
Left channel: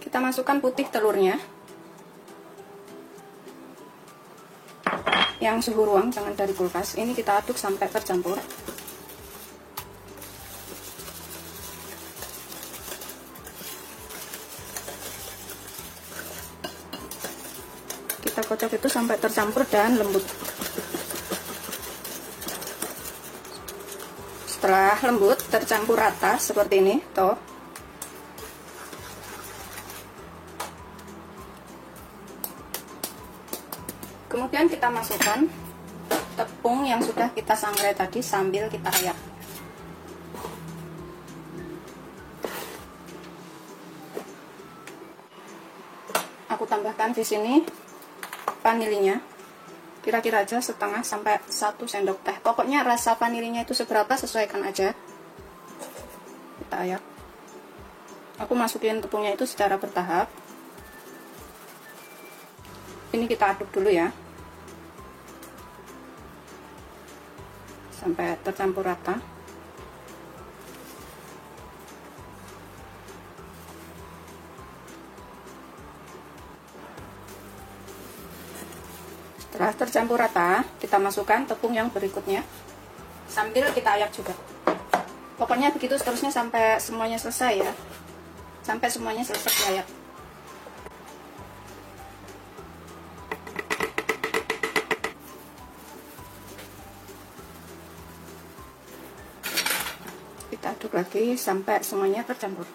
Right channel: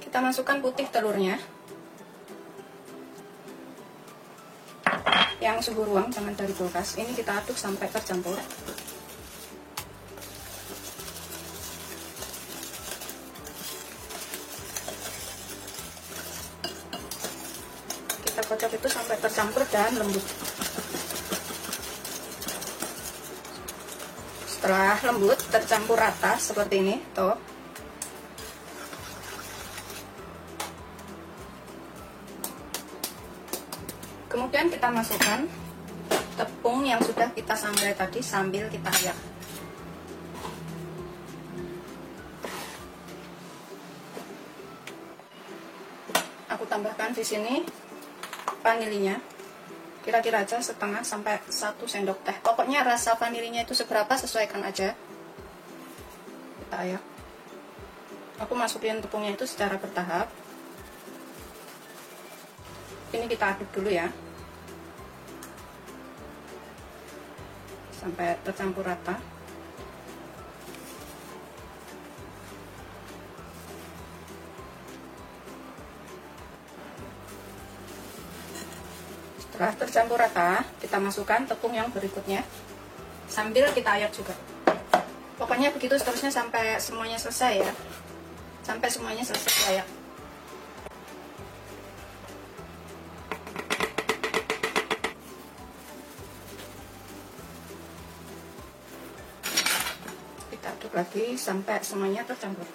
kita masukkan putih telurnya yang suhu ruang, jangan dari kulkas. Ini kita aduk sampai tercampur. Kita kocok itu sampai tercampur dan lembut. Setelah lembut tercampur rata seperti ini, tuh. Kemudian kita masukkan tepung yang sudah kita sangrai tadi sambil kita ayak. tambahkan di sini vanilinya. Kira-kira aja setengah sampai 1 sendok teh. Pokoknya rasa vanilinya itu seberapa sesuaikan aja. Kita ya. Aku masukin tepungnya itu secara bertahap. Ini kita aduk dulu ya. Sampai tercampur rata. Setelah tercampur rata, kita masukkan tepung yang berikutnya. Sambil kita ayak juga. Pokoknya begitu seterusnya sampai semuanya selesai ya. Sampai semuanya selesai ayak. Kita aduk lagi sampai semuanya tercampur.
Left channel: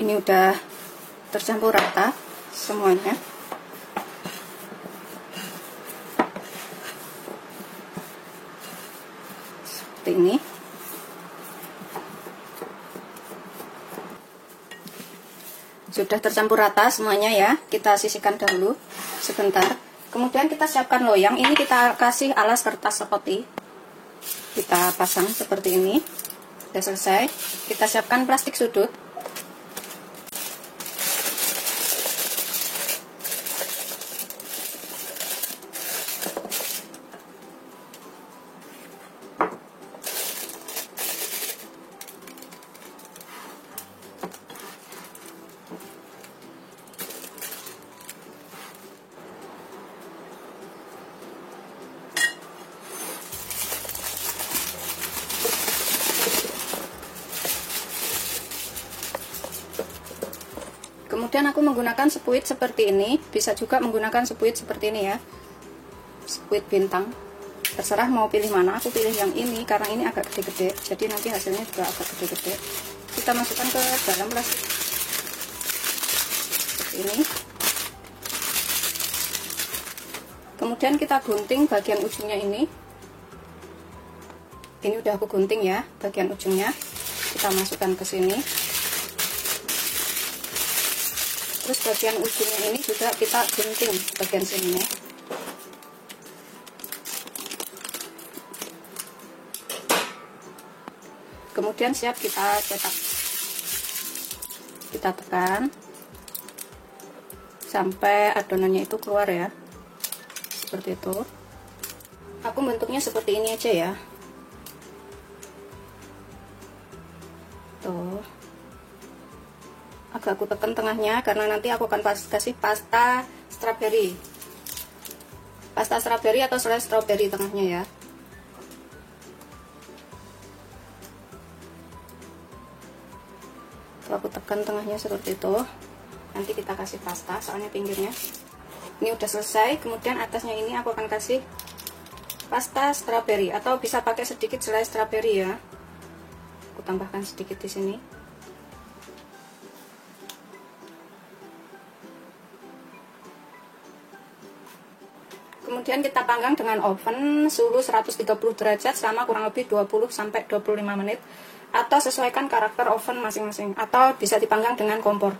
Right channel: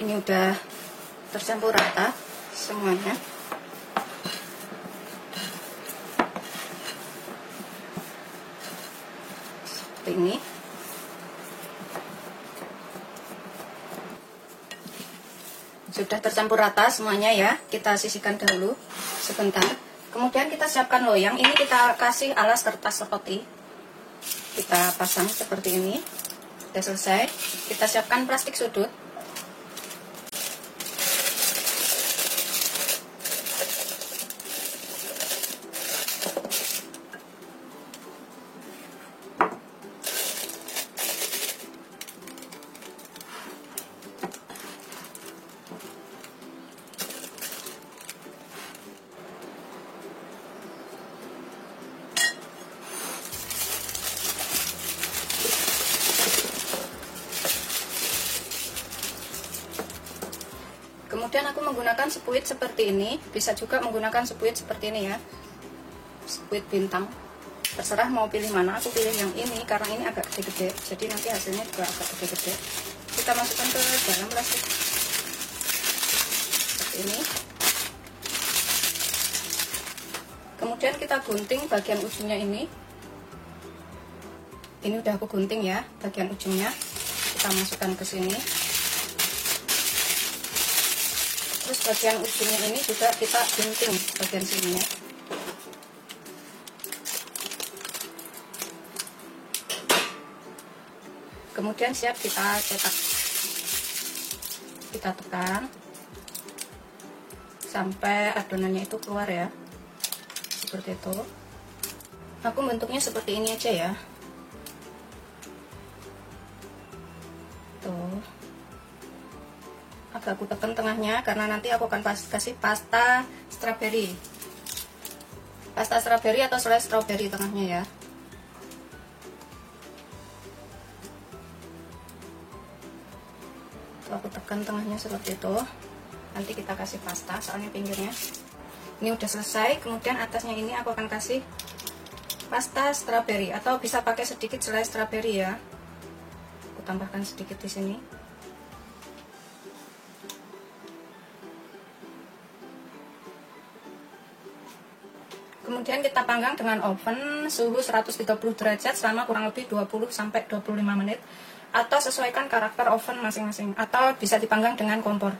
Ini udah tercampur rata semuanya. Seperti ini. Sudah tercampur rata semuanya ya. Kita sisihkan dahulu sebentar. Kemudian kita siapkan loyang. Ini kita kasih alas kertas seperti. Kita pasang seperti ini. Sudah selesai. Kita siapkan plastik sudut. Kemudian aku menggunakan sepuit seperti ini. Bisa juga menggunakan sepuit seperti ini ya. Sepuit bintang. Terserah mau pilih mana. Aku pilih yang ini karena ini agak gede-gede. Jadi nanti hasilnya juga agak gede-gede. Kita masukkan ke dalam plastik. Seperti ini. Kemudian kita gunting bagian ujungnya ini. Ini udah aku gunting ya, bagian ujungnya. Kita masukkan ke sini. Terus bagian ujungnya ini juga kita gunting bagian sininya. Kemudian siap kita cetak. Kita tekan sampai adonannya itu keluar ya. Seperti itu. Aku bentuknya seperti ini aja ya. Tuh. Agak aku tekan tengahnya karena nanti aku akan kasih pasta strawberry. Pasta strawberry atau selai strawberry tengahnya ya. Tuh, aku tekan tengahnya seperti itu. Nanti kita kasih pasta soalnya pinggirnya. Ini udah selesai. Kemudian atasnya ini aku akan kasih pasta strawberry atau bisa pakai sedikit selai strawberry ya. Aku tambahkan sedikit di sini. Kemudian kita panggang dengan oven suhu 130 derajat selama kurang lebih 20-25 menit. Atau sesuaikan karakter oven masing-masing. Atau bisa dipanggang dengan kompor.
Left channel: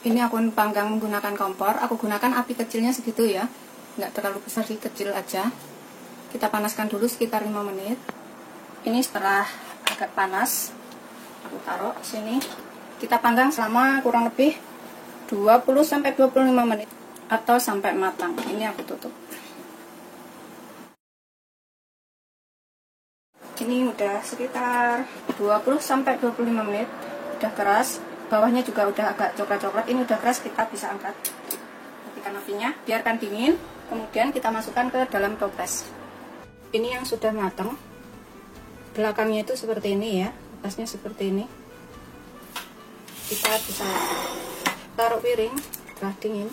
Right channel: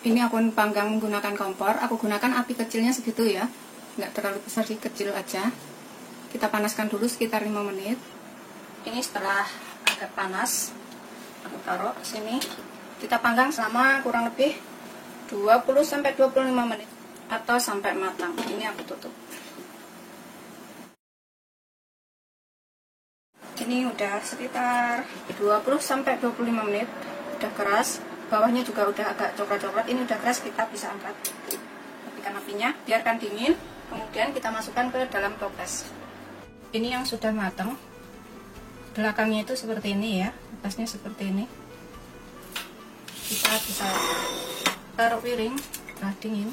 Ini aku panggang menggunakan kompor. Aku gunakan api kecilnya segitu ya. Nggak terlalu besar sih, kecil aja. Kita panaskan dulu sekitar 5 menit. Ini setelah agak panas, aku taruh sini. Kita panggang selama kurang lebih 20-25 menit. Atau sampai matang. Ini aku tutup. Ini udah sekitar 20-25 menit. Udah keras. Bawahnya juga udah agak coklat-coklat. Ini udah keras, kita bisa angkat. Matikan apinya, biarkan dingin. Kemudian kita masukkan ke dalam toples. Ini yang sudah matang. Belakangnya itu seperti ini ya. Atasnya seperti ini. Kita bisa taruh piring. Setelah dingin.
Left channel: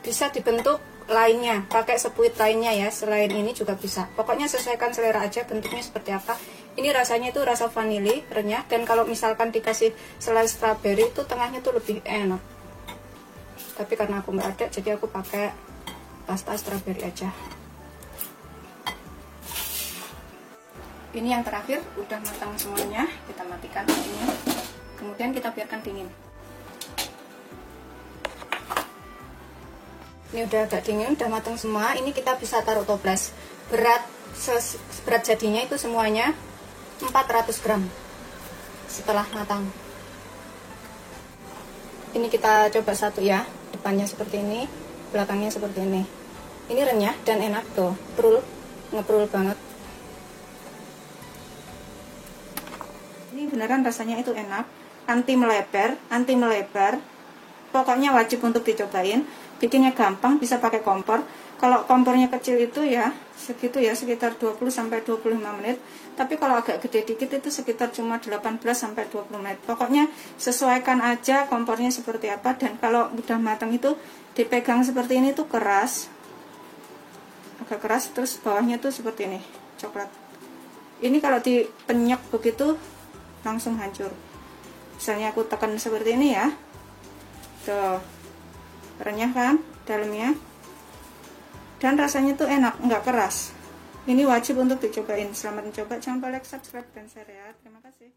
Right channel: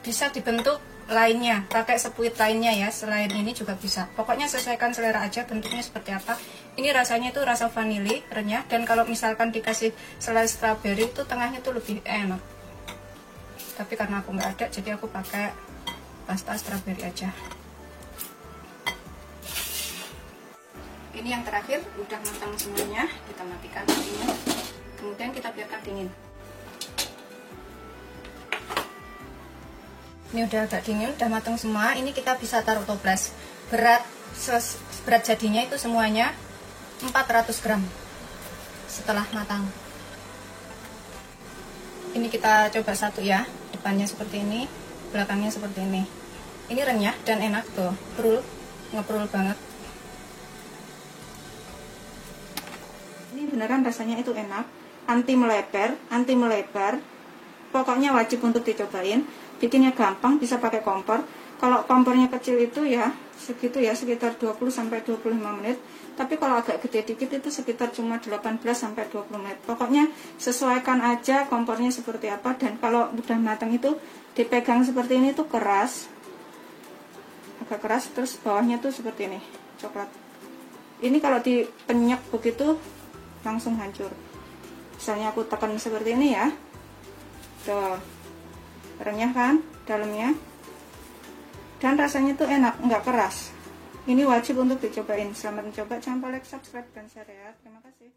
Bisa dibentuk lainnya, pakai sepuit lainnya ya. Selain ini juga bisa. Pokoknya sesuaikan selera aja bentuknya seperti apa. Ini rasanya itu rasa vanili, renyah. Dan kalau misalkan dikasih selai strawberry itu tengahnya tuh lebih enak. tapi karena aku nggak ada jadi aku pakai pasta strawberry aja. Ini yang terakhir, udah matang semuanya, kita matikan apinya, kemudian kita biarkan dingin. Ini udah agak dingin, udah matang semua. Ini kita bisa taruh toples. Berat jadinya itu semuanya 400 gram setelah matang. Ini kita coba satu ya, depannya seperti ini, belakangnya seperti ini. Ini renyah dan enak tuh, ngeprul banget. Ini beneran rasanya itu enak, anti melebar. Pokoknya wajib untuk dicobain. Bikinnya gampang, bisa pakai kompor. Kalau kompornya kecil itu ya segitu ya, sekitar 20-25 menit. Tapi kalau agak gede dikit itu sekitar cuma 18-20 menit. Pokoknya sesuaikan aja kompornya seperti apa. Dan kalau udah matang itu dipegang seperti ini tuh keras, agak keras, terus bawahnya tuh seperti ini, coklat. Ini kalau dipenyek begitu langsung hancur. Misalnya aku tekan seperti ini ya, tuh renyah kan dalamnya, dan rasanya tuh enak, nggak keras. Ini wajib untuk dicobain. Selamat mencoba, jangan lupa like, subscribe, dan share ya. Terima kasih.